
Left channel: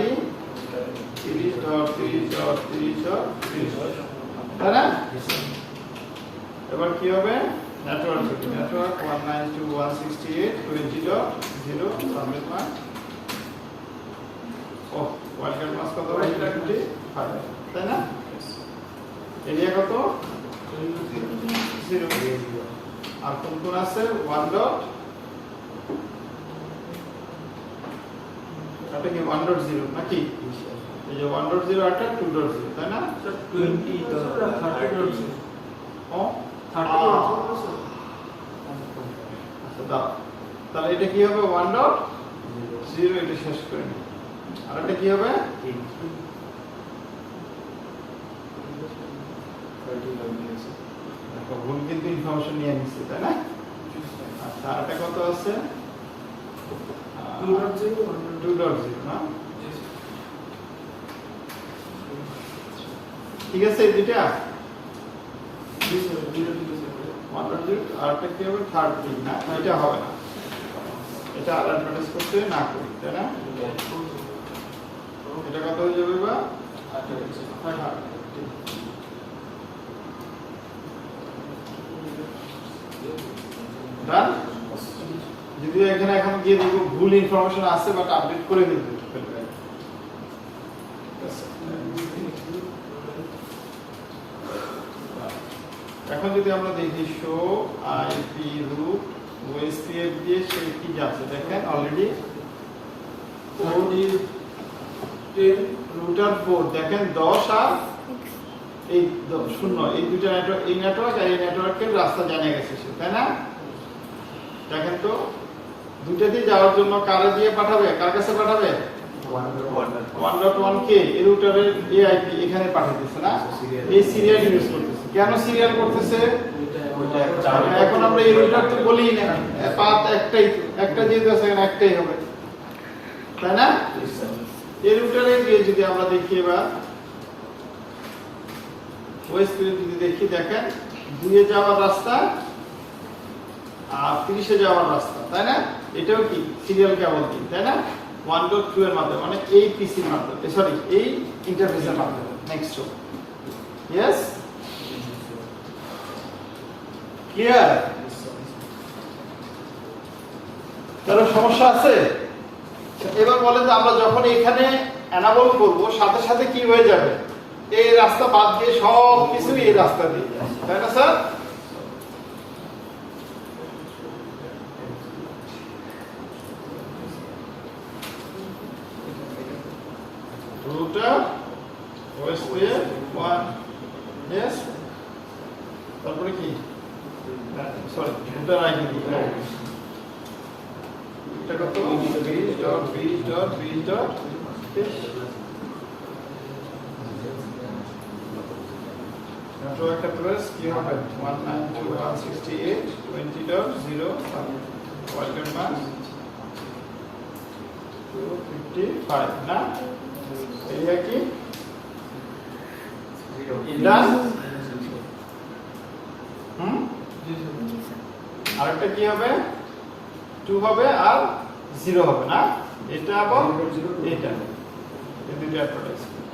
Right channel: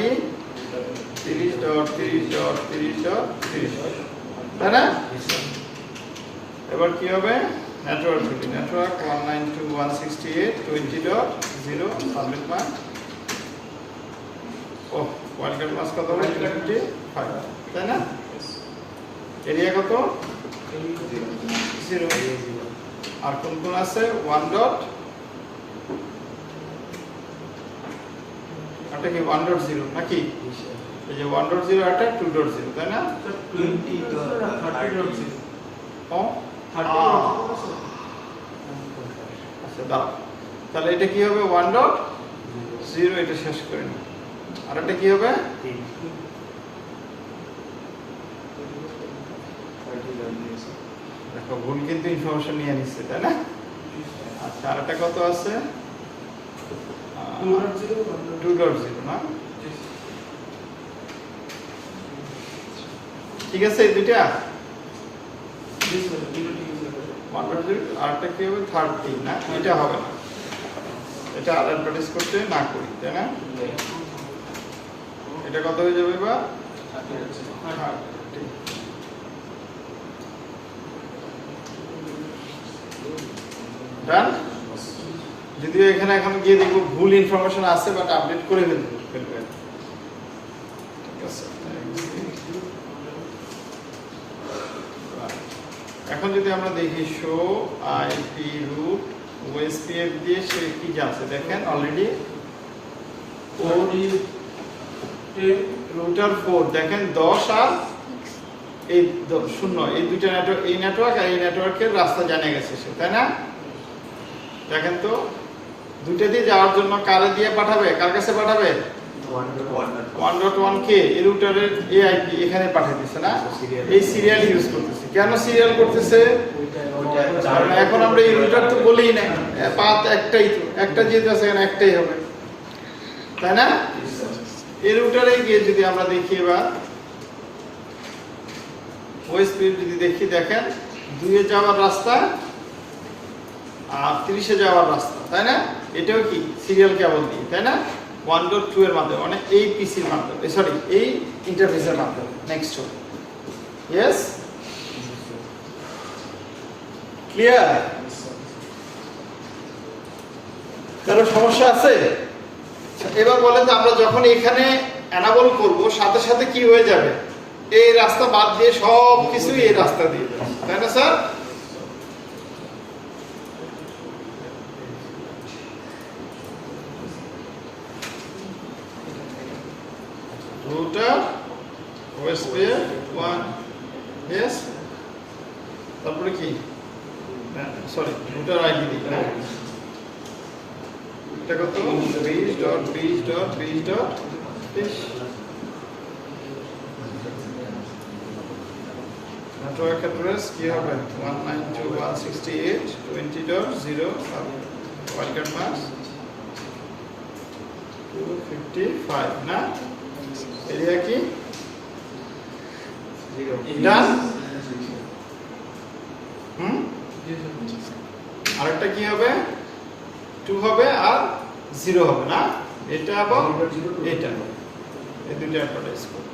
30.30.30.30 তাই না এবার কি হবে নেটওয়ার্ক থেকে নেটওয়ার্ক 192.168.20.0 সাবমিট মান ও ওয়ার্কার মাস কত হবে 25 তাই না এরিয়া কত 0 আর কোন কোন আছে 1. এটা কি 1.0 নাকি এই যে 1.0 আর 2.0 তাই না 20.30.0 ও আচ্ছা দাও তাহলে এটা কি হবে 1.0 এটা শেষ করে নিই আর এটা কি হবে দেখো ভুল কিন্তু ইনফরমেশন নিয়ে নিচ্ছে তাই না আচ্ছা আর এটা কত আছে 2.0 না ঠিক আছে এই দুইটা 1.0 আরটা কি হবে 30 না এটা হবে না এটা আর অ্যাডভার্টাইজ করতে না করি তাই না এটা কত হয়ে যাবে বা 1.0 ডান। যদিও এখানে এখন গিয়ে দেখবো ভুল ইনফরমেশন আছে, বাট আপডেট করে ফেলবেন। ঠিক আছে। এখন যদি আমরা দেখি শো আইপি রুট ওএসপিএফ দিয়ে সে কি যাচ্ছে দেখেন অলরেডি রুটার 4 দেখেন 10 আর এই 0 এই দুইটা নেটওয়ার্ক, এই নেটওয়ার্ক আর এই নেটওয়ার্কের রাস্তা জানা গেছে সে, তাই না? দেখেন তো দুইটা দিয়ে যাওয়ার জন্য কারে দিয়ে পাঠাবে, কার কাছে পাঠাবে? 1.1 কে এই রুটারের এআইপি এখানে পাঠিয়ে দিচ্ছে না, এই সিরিয়াল ইউজ করতেছে। কেন সিরিয়াল করতেছে? এখন আমরা এই রুটার তো বলেই না, পাথ একটাই, একটা যেহেতু আছে এখানে একটাই হবে, তাই না? এই রুটারে গিয়ে যদি আমরা দেখি এবার ওএসপি যদি দেখি, দেখেন 2 এ যাওয়ার রাস্তা আর 30 এ যাওয়ার রাস্তা, তাই না? এটাও কি সিরিয়াল কেবল দিয়ে, তাই না? 1.2 এর মাধ্যমে, মানে এই পিসির মাধ্যমে, সরি এই ইন্টারফেসের মাধ্যমে। Next show, yes, clear? কারো সমস্যা আছে? এবার বলেন যে আমরা যখন এখানে এনাবল করব সাথে সাথে কি হয়ে যাবে? এই রাস্তা বাদ দিয়ে সব কিছু এই রাস্তা দিয়ে যাবে, তাই না স্যার? রুটার ওএসপিএফ 1 ইয়েস, তারপরে কি সরি রুটার আইডি দিই, এটা কত? base.base.base.base নেটওয়ার্ক অ্যাড্রেস কি হবে? 192.168.20.0 ওয়ার্ল্ড মাস 255 না? এরিয়া কি? ডান। আরেকটা কি হবে? 2 হবে আর 0 হবে না? এটা আবার এটা, এই দুটো অ্যাডভার্টাইজ করব।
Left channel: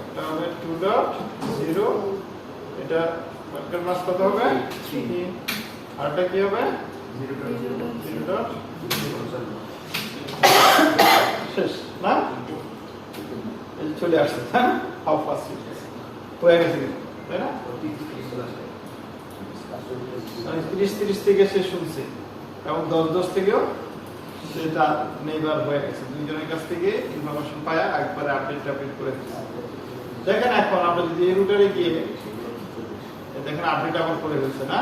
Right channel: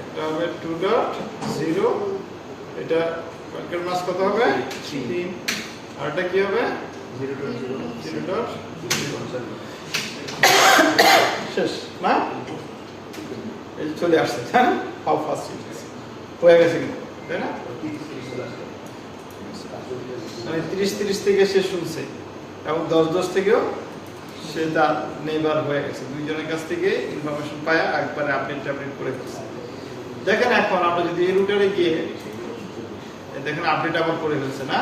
একটা হবে 2.0, এটা ওয়ার্ল্ড মাস কত হবে? 3। আরেকটা কি হবে? 0.0 শেষ না? এই চলে আসছে, হ্যাঁ? হাউ ফাস্ট ইট ইজ হয়ে গেছে কিন্তু, তাই না? 30 থেকে সে শুনছে এবং 10 থেকেও সে তার নেইবার হয়ে গেছে, দুইজনের কাছ থেকে ইনফরমেশন পায়া একবারে আপডেট করে ফেলছে। দেখেন এখন আমরা যদি এই রুটারে গিয়ে দেখেন আপডেট আবার করে ফেলছে না?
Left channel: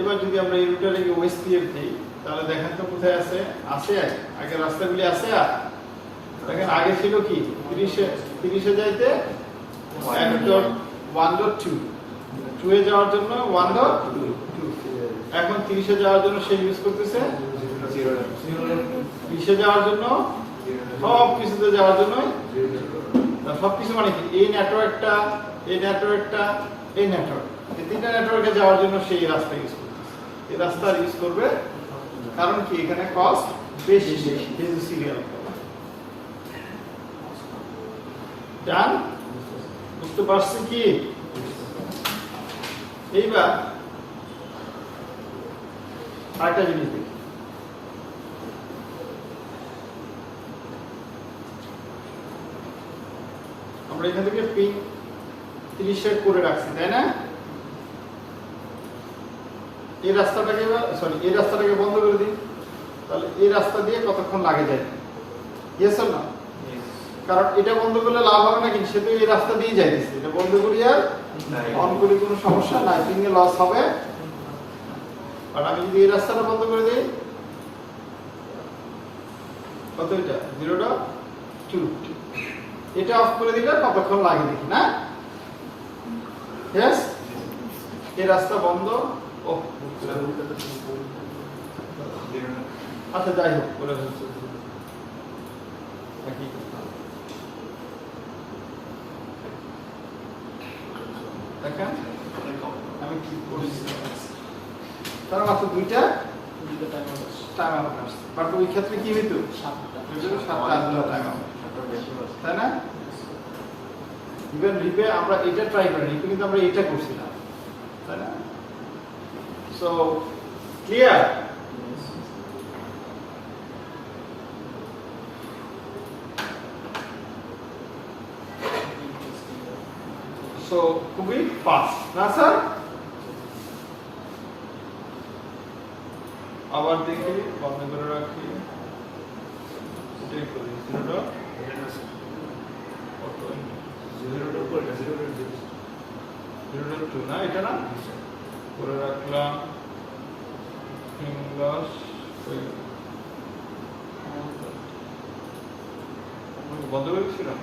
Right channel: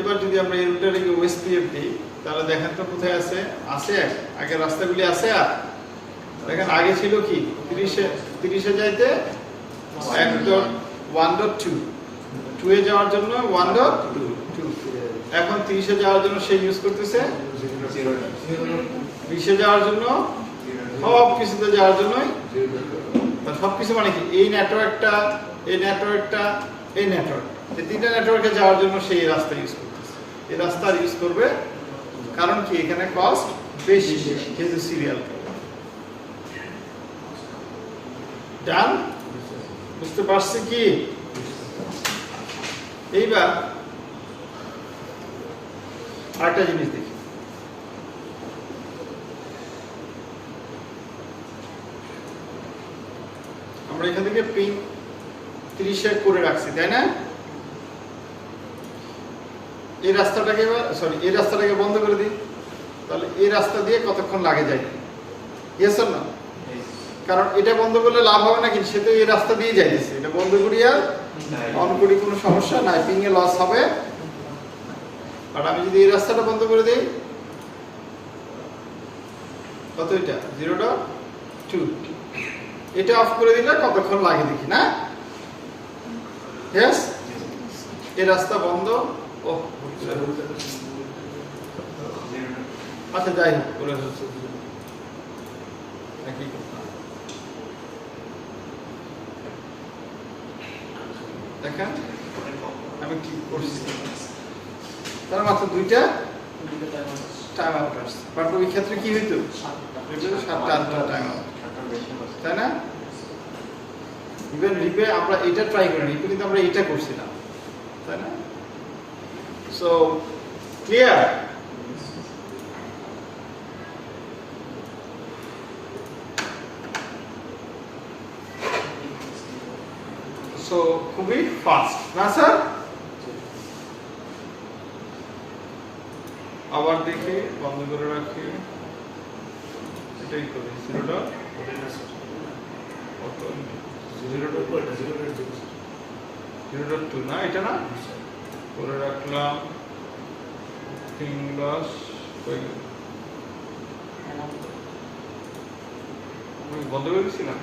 এবার যদি আমরা এই রুটারে গিয়ে ওএসপিএফ দিই, তাহলে দেখেন তো কোথায় আছে? আছে আগে রাস্তাগুলি আছে। আর দেখেন আগে ছিল কি 30 এ যাইতে 1.1.2, 2 এ যাওয়ার জন্য 1.2, এখন 30 এ যাওয়ার জন্য সে ইউজ করতেছে 20 এ যাওয়ার জন্য, সব কিছুতে যাওয়ার জন্যই। সব কিছু মানে কি? এই নেটওয়ার্কটা, এই নেটওয়ার্কটা, এই নেটওয়ার্ক, এই তিনটা নেটওয়ার্কে যাওয়ার জন্য সেই রাস্তা ইউজ করতেছে। এই রাস্তা ইউজ করবে কারণ কি এখানে কস্ট বেশি, যেহেতু সিরিয়াল। ডান? বুঝতে পারছি কি? এইবার আরেকটা জিনিস দেখি, আমরা এখান থেকে পিং 30 করে রাখছি, তাই না? এই রাস্তাটাকে এই রাস্তাটাকে বন্ধ করে দিই, তাহলে এই রাস্তা দিয়ে কতক্ষণ লাগে যায়? ইয়েস অর না? কারণ এটা বন্ধ করলে লাভ হবে না, কিন্তু সে তো এই রাস্তা দিয়ে যাইতেছে, এটা বন্ধ করি আর অন করি কোনো সমস্যা নাই, পিং এ লস হবে। আর আমি যদি এই রাস্তাটা বন্ধ করে দিই, কত এটা? 0.2, এটা অফ করে দিলে কতক্ষণ লাগে দেখি না? ইয়েস, এই রাস্তা বন্ধ। ও আচ্ছা, যাই হোক করে হচ্ছে দেখেন আমি কি করছি, তার মাত্র 2টা টাইম আউট আসছে, বাট ওই ক্ষেত্রে কি হইতো? 7টা টাইম আউট, তাই না? ইভেন রিপে আমরা এটা ট্রাই করি, রিপে কিন্তু আমরা এটা করছি না, তাই না? So clear? সো খুবই ফাস্ট না স্যার? আবার দেখি, বন্ধ করে রাখি, এটাই করি 0.2 না, এটা না করে রাখলাম, লস বন্ধ করে দিচ্ছিলাম।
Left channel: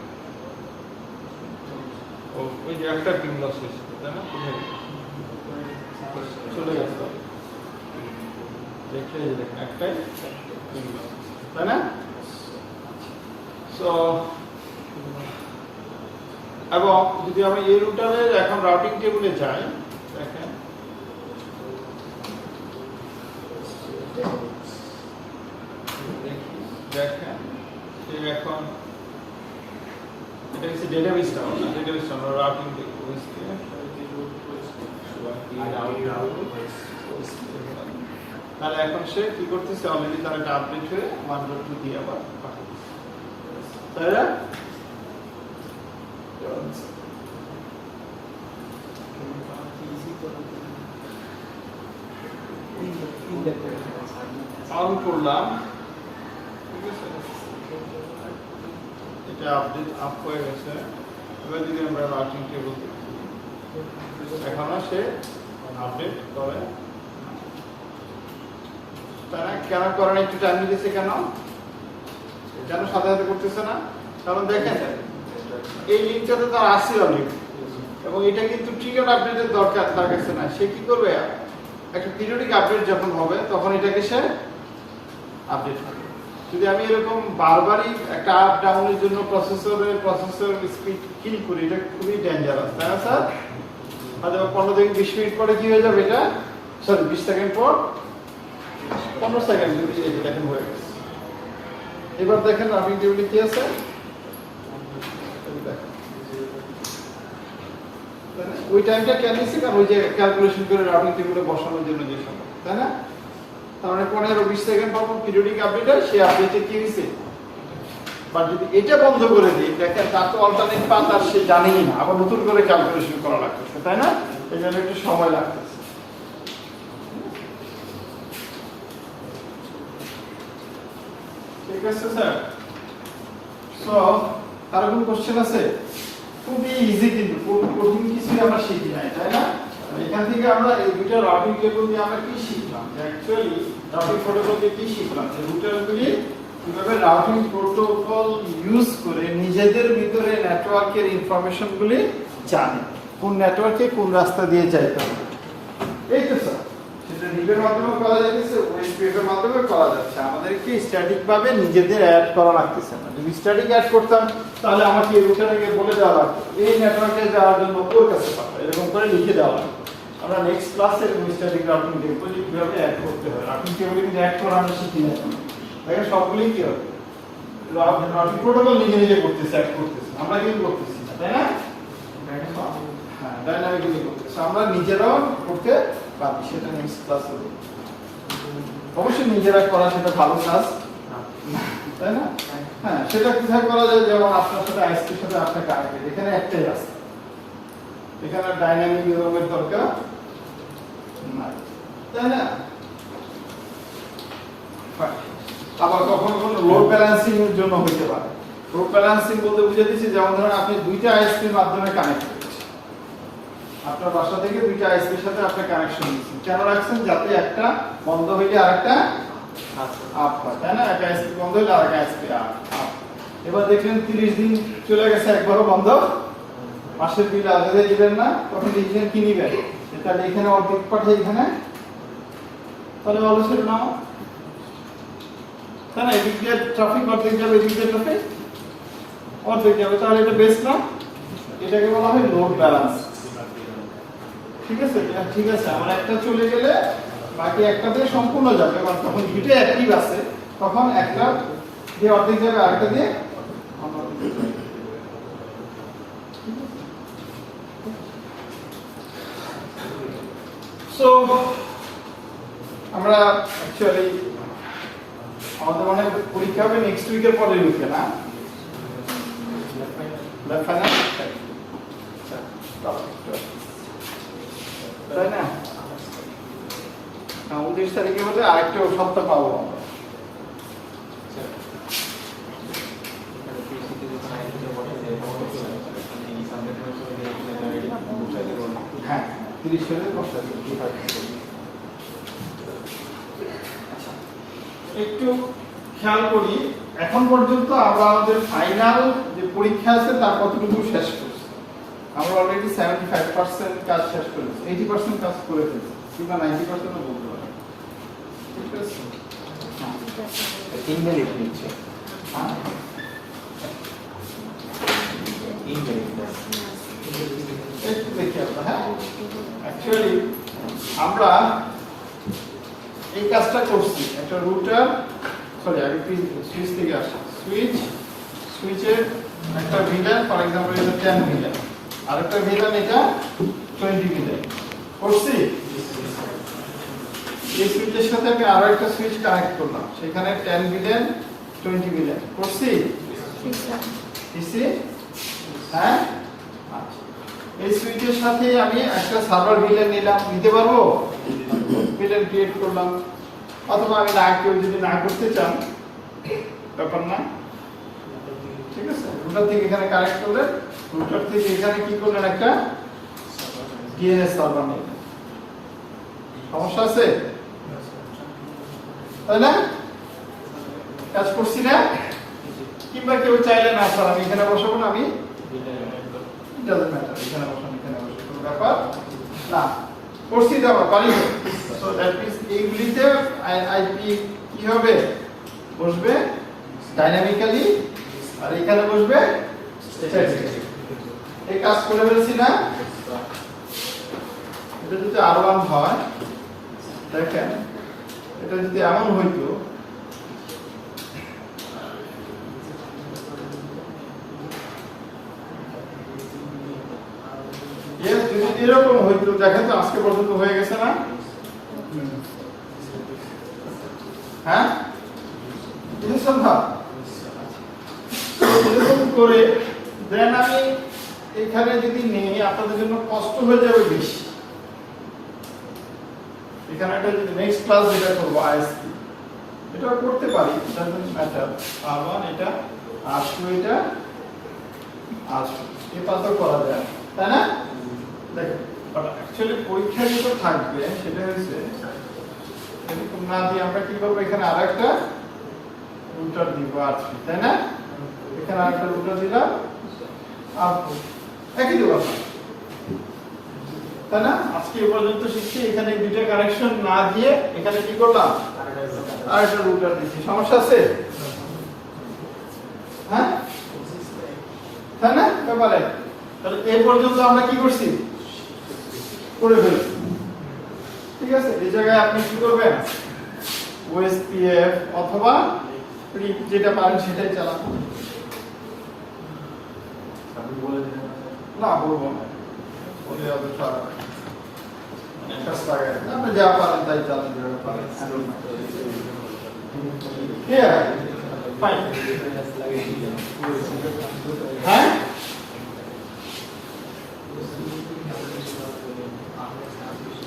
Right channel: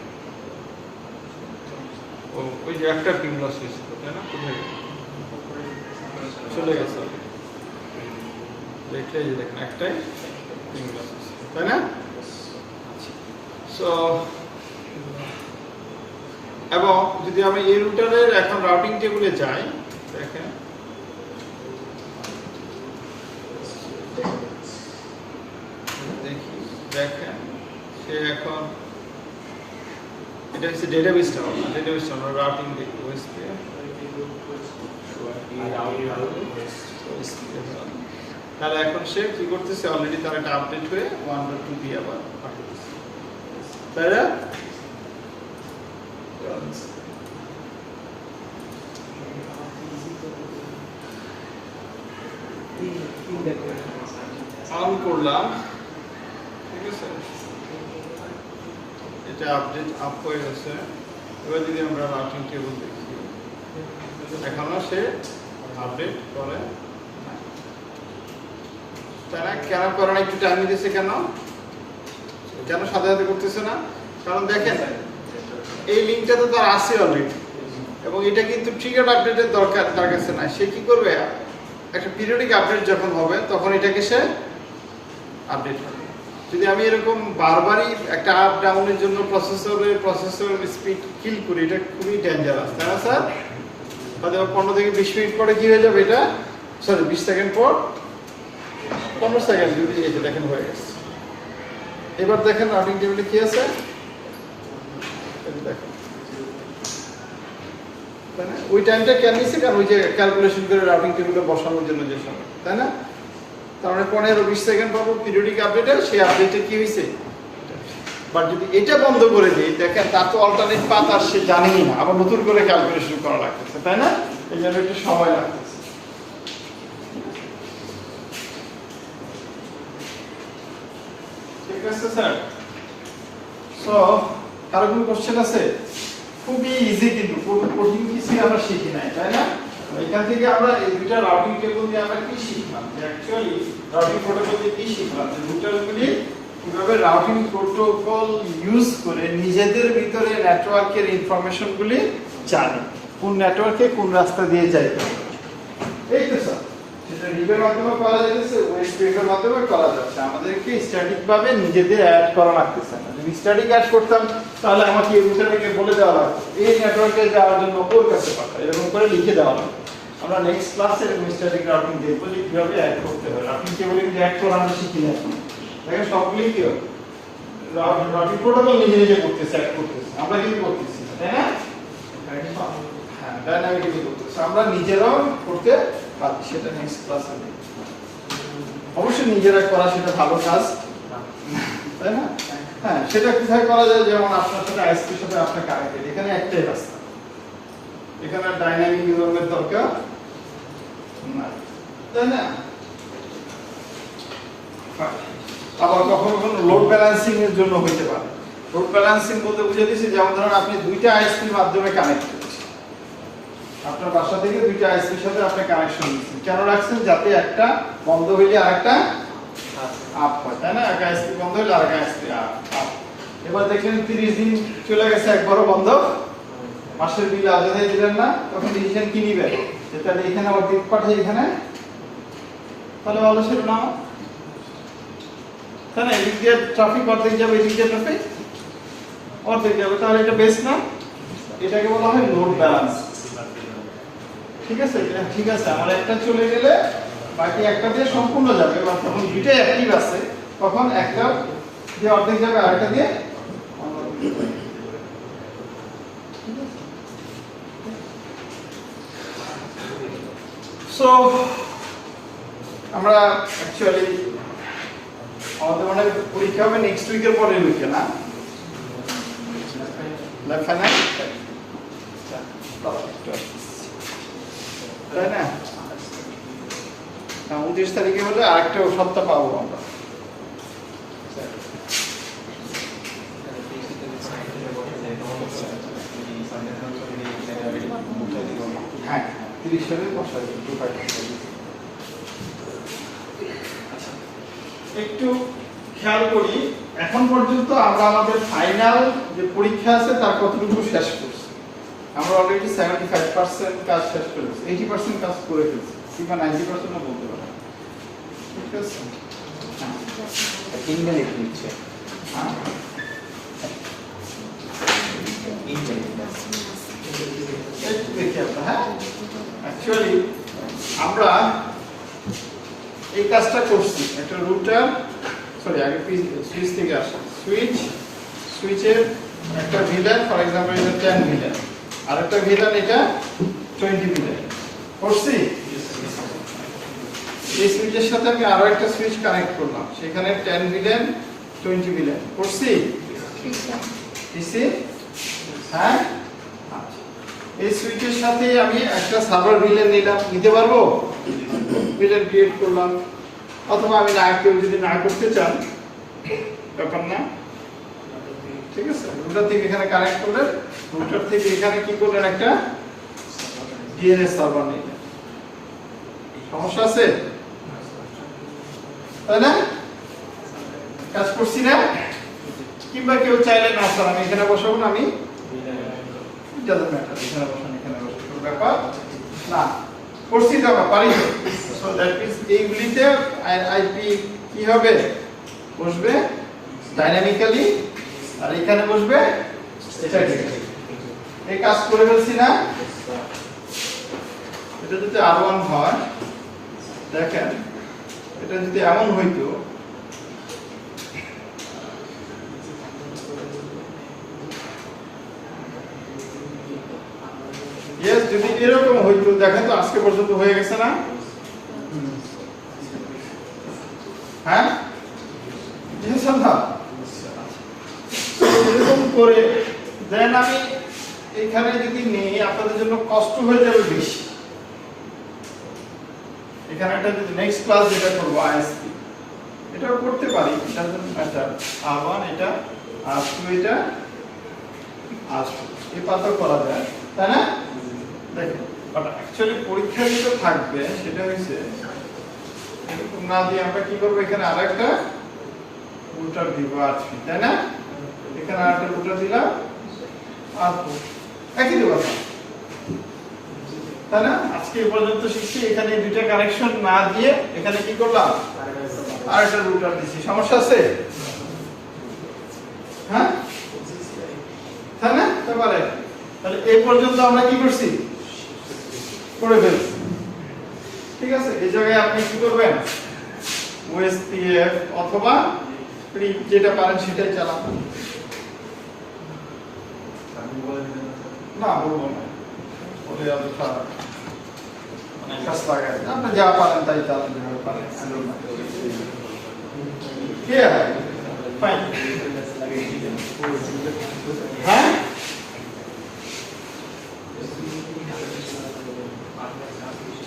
ওই যে একটা পিং লস হয়েছিল তাই না, কোথায় চলে গেছে, দেখলে যে দেখেন একটাই পিং লস হয়েছিল তাই না? সো এবং যদি আমি এই রুটারের এখন রাউটিং টেবিলে যাই, দেখেন দেখি, দেখেন সে এখন এটা হচ্ছে ডেটাবেসটা, ডেটাবেসটা আমরা রাউটিং ডেটাবেস দিয়ে তাহলে এখন সে কি করতেছে, অলরেডি তার একটা আপডেট হয়ে 1.2 দিয়ে আবার পাঠাচ্ছে, তাই না? অন করলাম, ঠিক আছে, এটা আপডেট আপ হয়ে গেছে। এবার যদি আমরা রাউটিং টেবিল দেখি, এখনো সে আপডেট করে তারা কেন করে না, একটু টাইম দিতেছে কেন, কেন সাথে সাথে করতেছে না? কারণ দেখেন এই লিঙ্কটাতে তার আছে অলরেডি, এবং এটা কিন্তু ট্রিগার আপডেটের দরকার তার কাছে না। সে কি করবে, একটা পিরিয়ডিক আপডেট যখন হবে তখন এটাকে সে আপডেট করবে। যদি আমি এরকম বারবারই একটা আপ ডাউনের জন্য প্রসেসর স্পিড কিল করি, এটা খুবই ডেঞ্জারাস, তাই না স্যার? হয়তো 15 থেকে 20 মিনিট পরে কি হয়ে যাবে, এটা সরি 20 সেকেন্ড পর 15 সেকেন্ড যদি এই যে দেখেন হয়ে গেছে। এবার দেখেন রাউটিং টেবিলে কি আছে, দেখেন ওই টাইমটা কেন নিচ্ছে, কারণ ওই যে ক্যালকুলেশন করে রাউটিং টেবিলে বসানোর জন্য যে সময়, তাই না? তার মানে 15-20 সেকেন্ড পাবো পিরিয়ডিক আপডেটে, সেই আপডেটে কি হয়েছে। বাট যদি এটা বন্ধ করে দিই, দেখেন তার তো অল্টারনেট পাথ আর সে জানেই না, আবার নতুন করে ক্যালকুলেশন করা লাগতেছে, তাই না? এই জন্য একটু সময় লাগতেছে। ঠিক আছে স্যার? সো কারো কোনো কোশ্চেন আছে? খুবই ইজি, কিন্তু কঠিন কিছু আমরা শিখি নাই, তাই না? এখান থেকে আমরা এই দুইটা রাউটিং টেবিল দিয়ে আমরা কি শিখলাম, অ্যাকচুয়ালি রাউটিং প্রোটোকল দিয়ে কি শিখলাম, যে রুটারগুলি কিভাবে রাউটিং প্রোটোকল ইউজ করে নিজেদের ভিতরে নেটওয়ার্কের ইনফরমেশনগুলি জানে, কোন নেটওয়ার্কে কোন রাস্তা দিয়ে যায়। এই তো স্যার, সেটা রিপের মাধ্যমে করা যাচ্ছে, ওয়েস্টওয়ের মাধ্যমে করা যাচ্ছে। আমাদেরকে স্ট্যাটিক ভাবে নিজেদের অ্যাড করা লাগতেছে না। যদি স্ট্যাটিক অ্যাড করতাম তাহলে আমাকে রুটারকে বলে দেওয়া লাগতো এই নেটওয়ার্কে যাওয়ার জন্য ওর কাছে পাঠাও, এরকম করে লিখে দেওয়া লাগতো। আমরা নেক্সট ক্লাসে এরকম স্ট্যাটিক রাউটিং দেখবো যে কিভাবে অ্যাড করতে হয়। রাউটিং টেবিলে কিন্তু অ্যাড করা আমরা শিখি না, দেখেন সবগুলি কি রাউটিং প্রোটোকল নিজে নিজে করতেছে, অ্যাড করতেছে, আমরা কিন্তু করতেছি, তাই না? হ্যাঁ, ডাইনামিক্যালি করতেছে, আমরা নিজেরাও করতে পারি, সেটা নেক্সট ক্লাসে হবে। অবশ্যই নিজেরা করা সেটা ভালো কাজ, তাই না? হ্যাঁ, সেটা কোথায় করা যায়, যেমন আপনার সাথে আইএসপির সাথে আপনি কানেক্টেড, এখানে একটাই রাস্তা, এখানে ডাইনামিক নিয়মের দরকার না, তাই না? আবার কখনো কখনো লোড ব্যালেন্সিং এর জন্য হইতে পারে। লোড ব্যালেন্সিং বলতে বুঝে দিচ্ছি, যেমন ধরেন আপনি দুইটা আইএসপির মাধ্যমে কানেক্ট করছেন, আপনার বাসা থেকে দুইটা আইএসপির সাথে আপনি কানেকশন দিচ্ছেন, কেন রাখছেন, যাতে একটা বন্ধ হইলে আরেকটা আপ হয়, তাই না? একটা আইএসপি বন্ধ হইলে আরেকটা আইএসপি আপ। এবার দেখলেন 30 দিন চলে গেছে, একবারও বন্ধ, মাসের বিল আলাদা দিলেন না, তখন ডিসিশন কি নিবেন, তাহলে এখানে অর্ধেক পাঠাই এখানে, তাহলে ভালো ছিল না, তাই না? এদিক দিয়ে ট্রাফিক অর্ধেক যাবে, এদিক দিয়ে ট্রাফিক অর্ধেক যাবে, তাহলে এটা বেস্ট না? এটাকে বলা হয় লোড ব্যালেন্স। ঠিক আছে, ঠিক আছে, আমার একটা চলে গেলে বাকি একটা দিয়ে সম্পূর্ণ যাবে। এবার তখন দুইটা অ্যাক্টিভ আছে, তখন একটা দিয়ে অর্ধেক যাবে, আরেকটা দিয়ে সো আমরা অ্যাকচুয়ালি আমাদের মানে পরীক্ষা হবে নেক্সট উইকের পরের উইকে না ফাইনাল তাই না 29 তারিখে হলে আরেকটা সপ্তাহ পাবো আমরা হ্যাঁ 30 তারিখে বসা একটু খেয়াল করি এখন পর্যন্ত আমরা আমাদের ফাইনাল যে পরীক্ষা আছে তার কতটুকু শেষ করছি আমরা অলরেডি 75% কাজ শেষ করে ফেলেছি 80% কাজ করে ফেলেছি কিংবা 90% ও বলতে পারি ঠিক আছে হ্যাঁ 3 মিনিট নিচ্ছে হ্যাঁ 3 মিনিট একটু দেখি আমরা হ্যাঁ অ্যাকচুয়ালি আমরা এই কাজটা করছি একটা রুটার সরি আগে সুইচ থেকে আসা সুইচের একটা ভিলান ফর এক্সাম্পল এটা 10 ভিলান আর একটা ভিলান এটা 20 ভিলান করছি এই সুইচের সাথে আমি আরো একটা সুইচ কানেক্ট করলাম সেখানে 10 ভিলান 20 ভিলান করছি কিসি হ্যাঁ আচ্ছা এই সুইচের সাথে আমি একটা সার্ভার ভিলান নিতে পারবো ভিলান ক্রিয়েট করলাম অথবা আমি না কেউ যদি না করতে চান ব্যাপার না ঠিক আছে রুটার থেকে এখানে কানেক্ট করলেন রুটার থেকে এখানে কি করলেন একটা ডিএনএস সার্ভার নিলেন সমস্যা আছে তাই না কাজ করছি না কিংবা কেউ চাইলে না স্যার আমি এখানে বসাবো না আমি ডাজন্ট ম্যাটার এখানে বসান এখানে বসাবো কোনো ব্যাপার না করছি যাবা পারি সো দ্যাট মিন্স এইগুলিতে আইপি কি হবে বসবে ডাইনামিক্যালি আর এখানে বসবে স্ট্যাটিক্যালি এই কাজ করে ফেলছি না এটা যদি R1 হয় দেখেন এটা যদি এমন হইতো ইয়েস যদি এরকম হইতো দেখেন তো আজকে পর্যন্ত হয়ে গেছে না হ্যাঁ এরকম করে দেন আমি এখানে যদি নেই আপনাদের জন্য কষ্ট হয়ে যাবে বেশি এখানে একটা যদি নেক্সট ক্লাস যেটা করবো আইএসপি এটাও করতে পারি এটা ম্যাটার R1 এটা R2 এটা R2 এই পাতা করা যায় তাই না দেখেন বাট অ্যাকচুয়ালি পরীক্ষা যেটা থাকবে সেটা হচ্ছে এরকম না দিয়ে আমরা কি করবো এখানে আরেকটা রুটার দিব R3 তাই না এখানে আরেকটা রুটার দিলাম R2 একই দেবো তাই না আজকে এই পর্যন্ত শিখছি এখানে দুইটা কানেকশন না দিয়ে এখানে কি করলাম আরেকটা রুটার দিছি সমস্যা আছে হ্যাঁ তাই না এবারে তাহলে এই পর্যন্ত আমরা কি করছি করে ফেলছি ঠিক আছে এই জায়গায় আপনি কি করবেন ওএসপিএফ অথবা যেটা পারেন সেটাই চালান না বলবো না ওই মানে কাজ লাগে আপনি যা পারেন তাই চালান যেভাবে পারেন ফাইন হ্যাঁ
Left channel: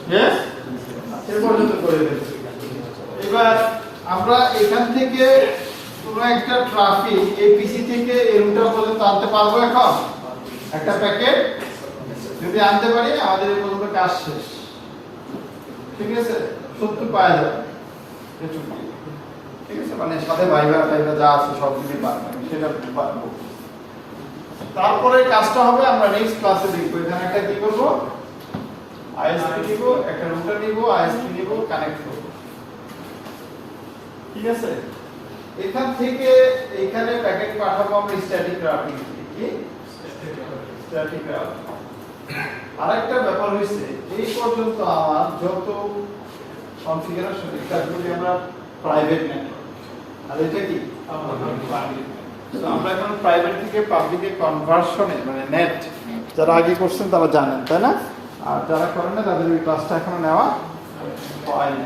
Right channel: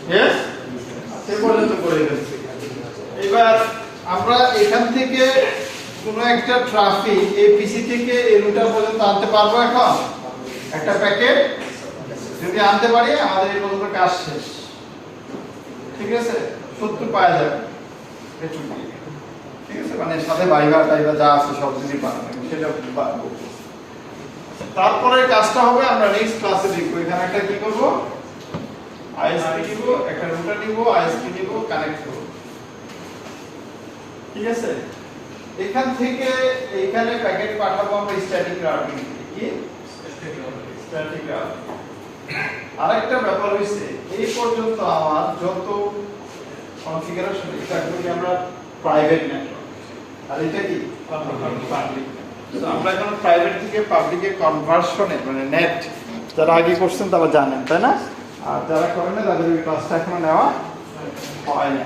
Yes? এই পর্যন্ত করে ফেলছি এবার আমরা এখান থেকে কোন একটা ট্রাফিক এপিসি থেকে এই রুটার পর্যন্ত আনতে পারবো এখন একটা প্যাকেট যদি আনতে পারি আমাদের এই পর্যন্ত কাজ শেষ ঠিক আছে 70 পাওয়া যাবে ঠিক আছে মানে সাথে ভাইবা টাইবা যা আছে সব যদি পারবেন সেটা পারবো তারপরে কাজটা হবে আমরা নেক্সট ক্লাসে দেখব এখানে একটা কি করব আইএসপি নিব একটা রুটার নিব আইএসপি নিব কানেক্ট করব ঠিক আছে এখান থেকে এখানে প্যাকেট পাঠাবো আমরা স্ট্যাটিক রাউটিং কি স্ট্যাটিক রাউটিং আরেকটা ব্যাপার হইছে এই পর্যন্ত আমার যত কনফিগারেশন এটা করি আমরা প্রাইভেট নেটওয়ার্ক আর এটা কি পাবলিক তো আমরা এখন প্রাইভেট থেকে পাবলিকে কনভার্সনে মানে নেট যারা আগে করছেন তারা জানেন তাই না আর যারা করেন না তাদের এই ক্লাসটা এখনো নেওয়া হয় না।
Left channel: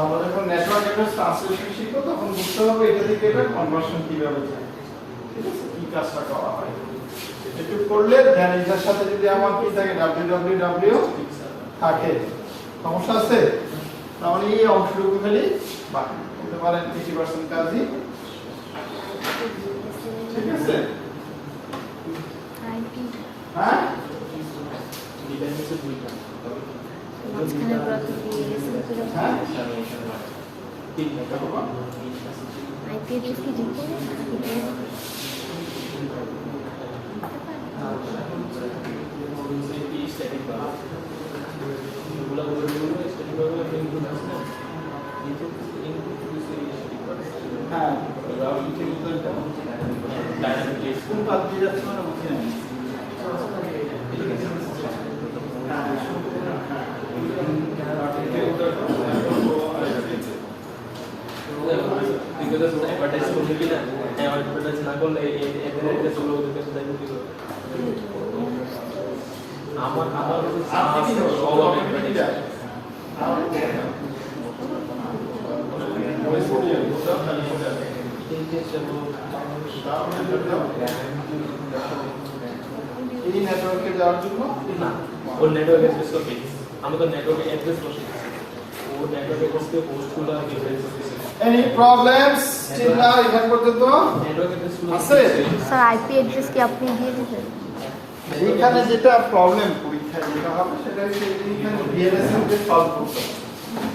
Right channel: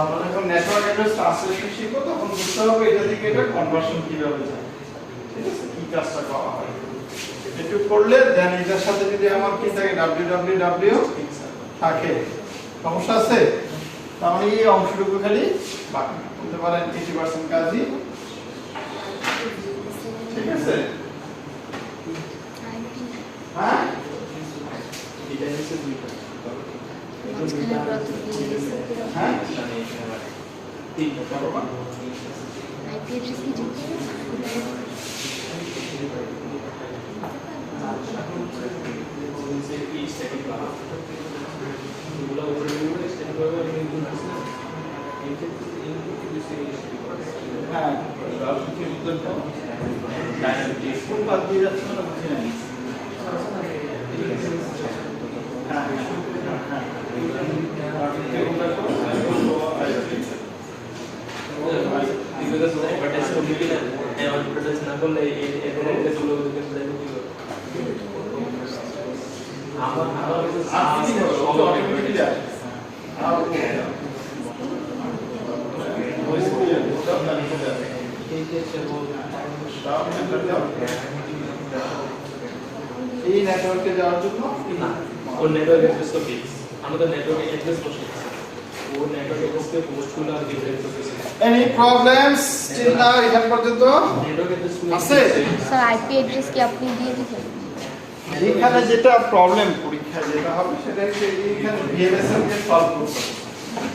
আমরা যখন নেটওয়ার্ক অ্যাড্রেস ট্রান্সলেশন শিখবো তখন বুঝতে হবে এটা থেকে এটা কনভার্সন কিভাবে যায়, ঠিক আছে, কি কাজটা করা হয়। একটু করলে দেন এটার সাথে যদি আমার কি থাকে www থাকে, সমস্যা আছে, তাহলে এই অংশটুকু খালি বাকি বলতে পারেন 80% কাজই, ঠিক আছে। হ্যাঁ মাঝখানে ব্রত দিয়ে হ্যাঁ আইপি অ্যাড্রেস কি দিতে হ্যাঁ কোন কাজ দিয়ে যাচ্ছে না বুঝছি না। এই নেটওয়ার্কে যাওয়ার জন্য ওর নেটওয়ার্ক অ্যাড্রেস তো ফিক্স, আমাদের নেটওয়ার্ক অ্যাড্রেস বসে আছে, ওর নেটওয়ার্ক অ্যাড্রেসকে পোস্টগুলো আর ডিফারেন্স করতেছে। এনি প্রবলেমস টিল নাও এখান পর্যন্ত নেটওয়ার্ক অ্যাড্রেস আছে? স্যার আইপি অ্যাড্রেস কি আপনি দিয়ে দিবেন? এখানে যেটা প্রবলেম পরীক্ষা যেটা হবে সেটা হচ্ছে এখানে ভিএলএসএম কে সলভ করতে হবে।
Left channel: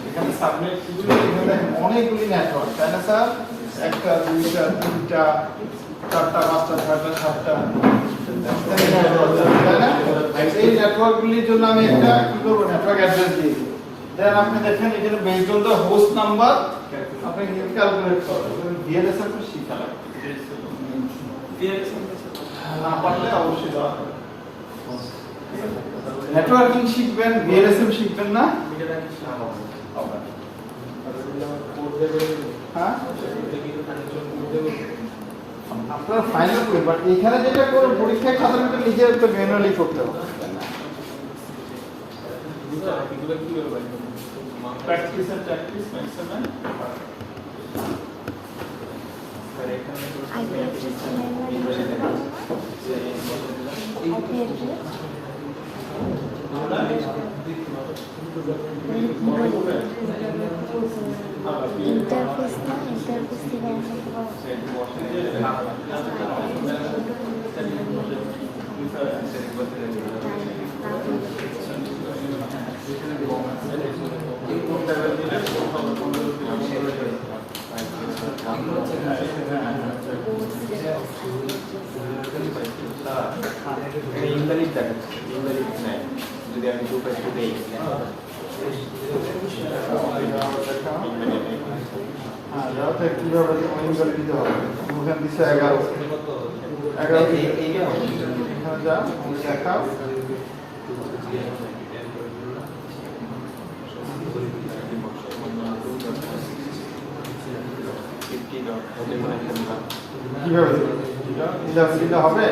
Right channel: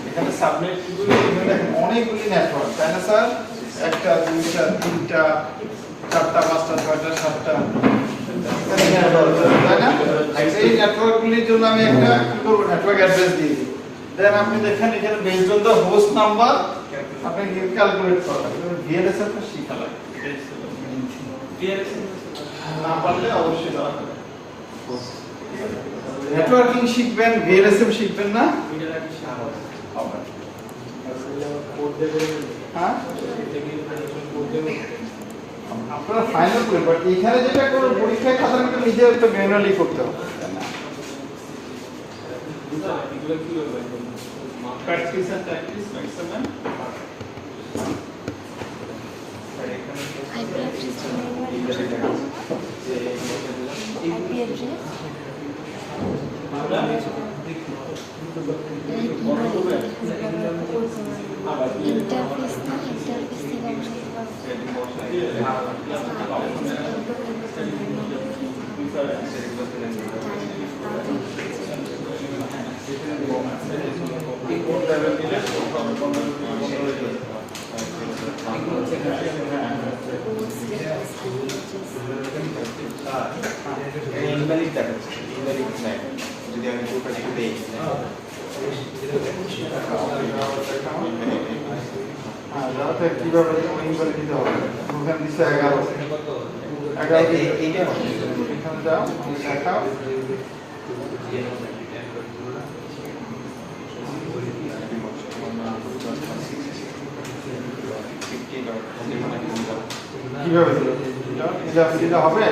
এখানে সাবনেট গুলো এখানে দেখেন অনেকগুলি নেটওয়ার্ক, তাই না স্যার? একটা দুইটা তিনটা চারটা পাঁচটা ছয়টা সাতটা এখানে নেটওয়ার্ক, তাই না? এই নেটওয়ার্ক গুলির জন্য আমি একটা কি করব, নেটওয়ার্ক অ্যাড্রেস দিয়ে দিই। দেন আপনি দেখেন এখানে based on the host number আপনি ক্যালকুলেট করবেন। ভিএলএসএম টা শিখা লাগবে, না পারলে অবশ্যই জানা হবে। নেটওয়ার্কিং শিখবেন, ভিএলএসএম শিখবেন না? হবে। হ্যাঁ আপনারা ফাইনাল করবেন, বাট এখানে যেটা করুন পরীক্ষায় সাধারণত নিজে তো ম্যানুয়ালি করতে হবে, তাই না? Practice and practice maximum. IP address manually বসাতে পারবো না? আইপি অ্যাড্রেস ইন্টারফেস না, ইন্টারফেস থেকে বসাতে পারবো। ইনভ্যালিড দেখাচ্ছে, ইনভ্যালিড হ্যাঁ যদি আমি দুটো একটু দেই কিভাবে ইনভার্ট দিতে হবে? ওখানে দিচ্ছে 11 এইটা এখানে যাও দেখাও। কিভাবে এটা হবে?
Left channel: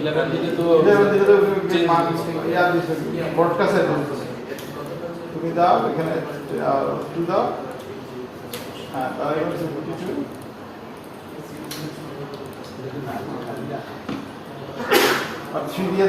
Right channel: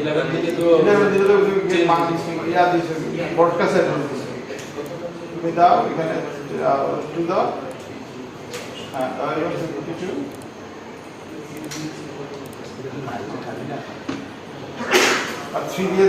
11 থেকে তো 11 দিলে তো ইয়া দিছে ব্রডকাস্ট তুমি দাও এখানে টু দাও। হ্যাঁ আর এখানে 42 আর 3 দিয়ে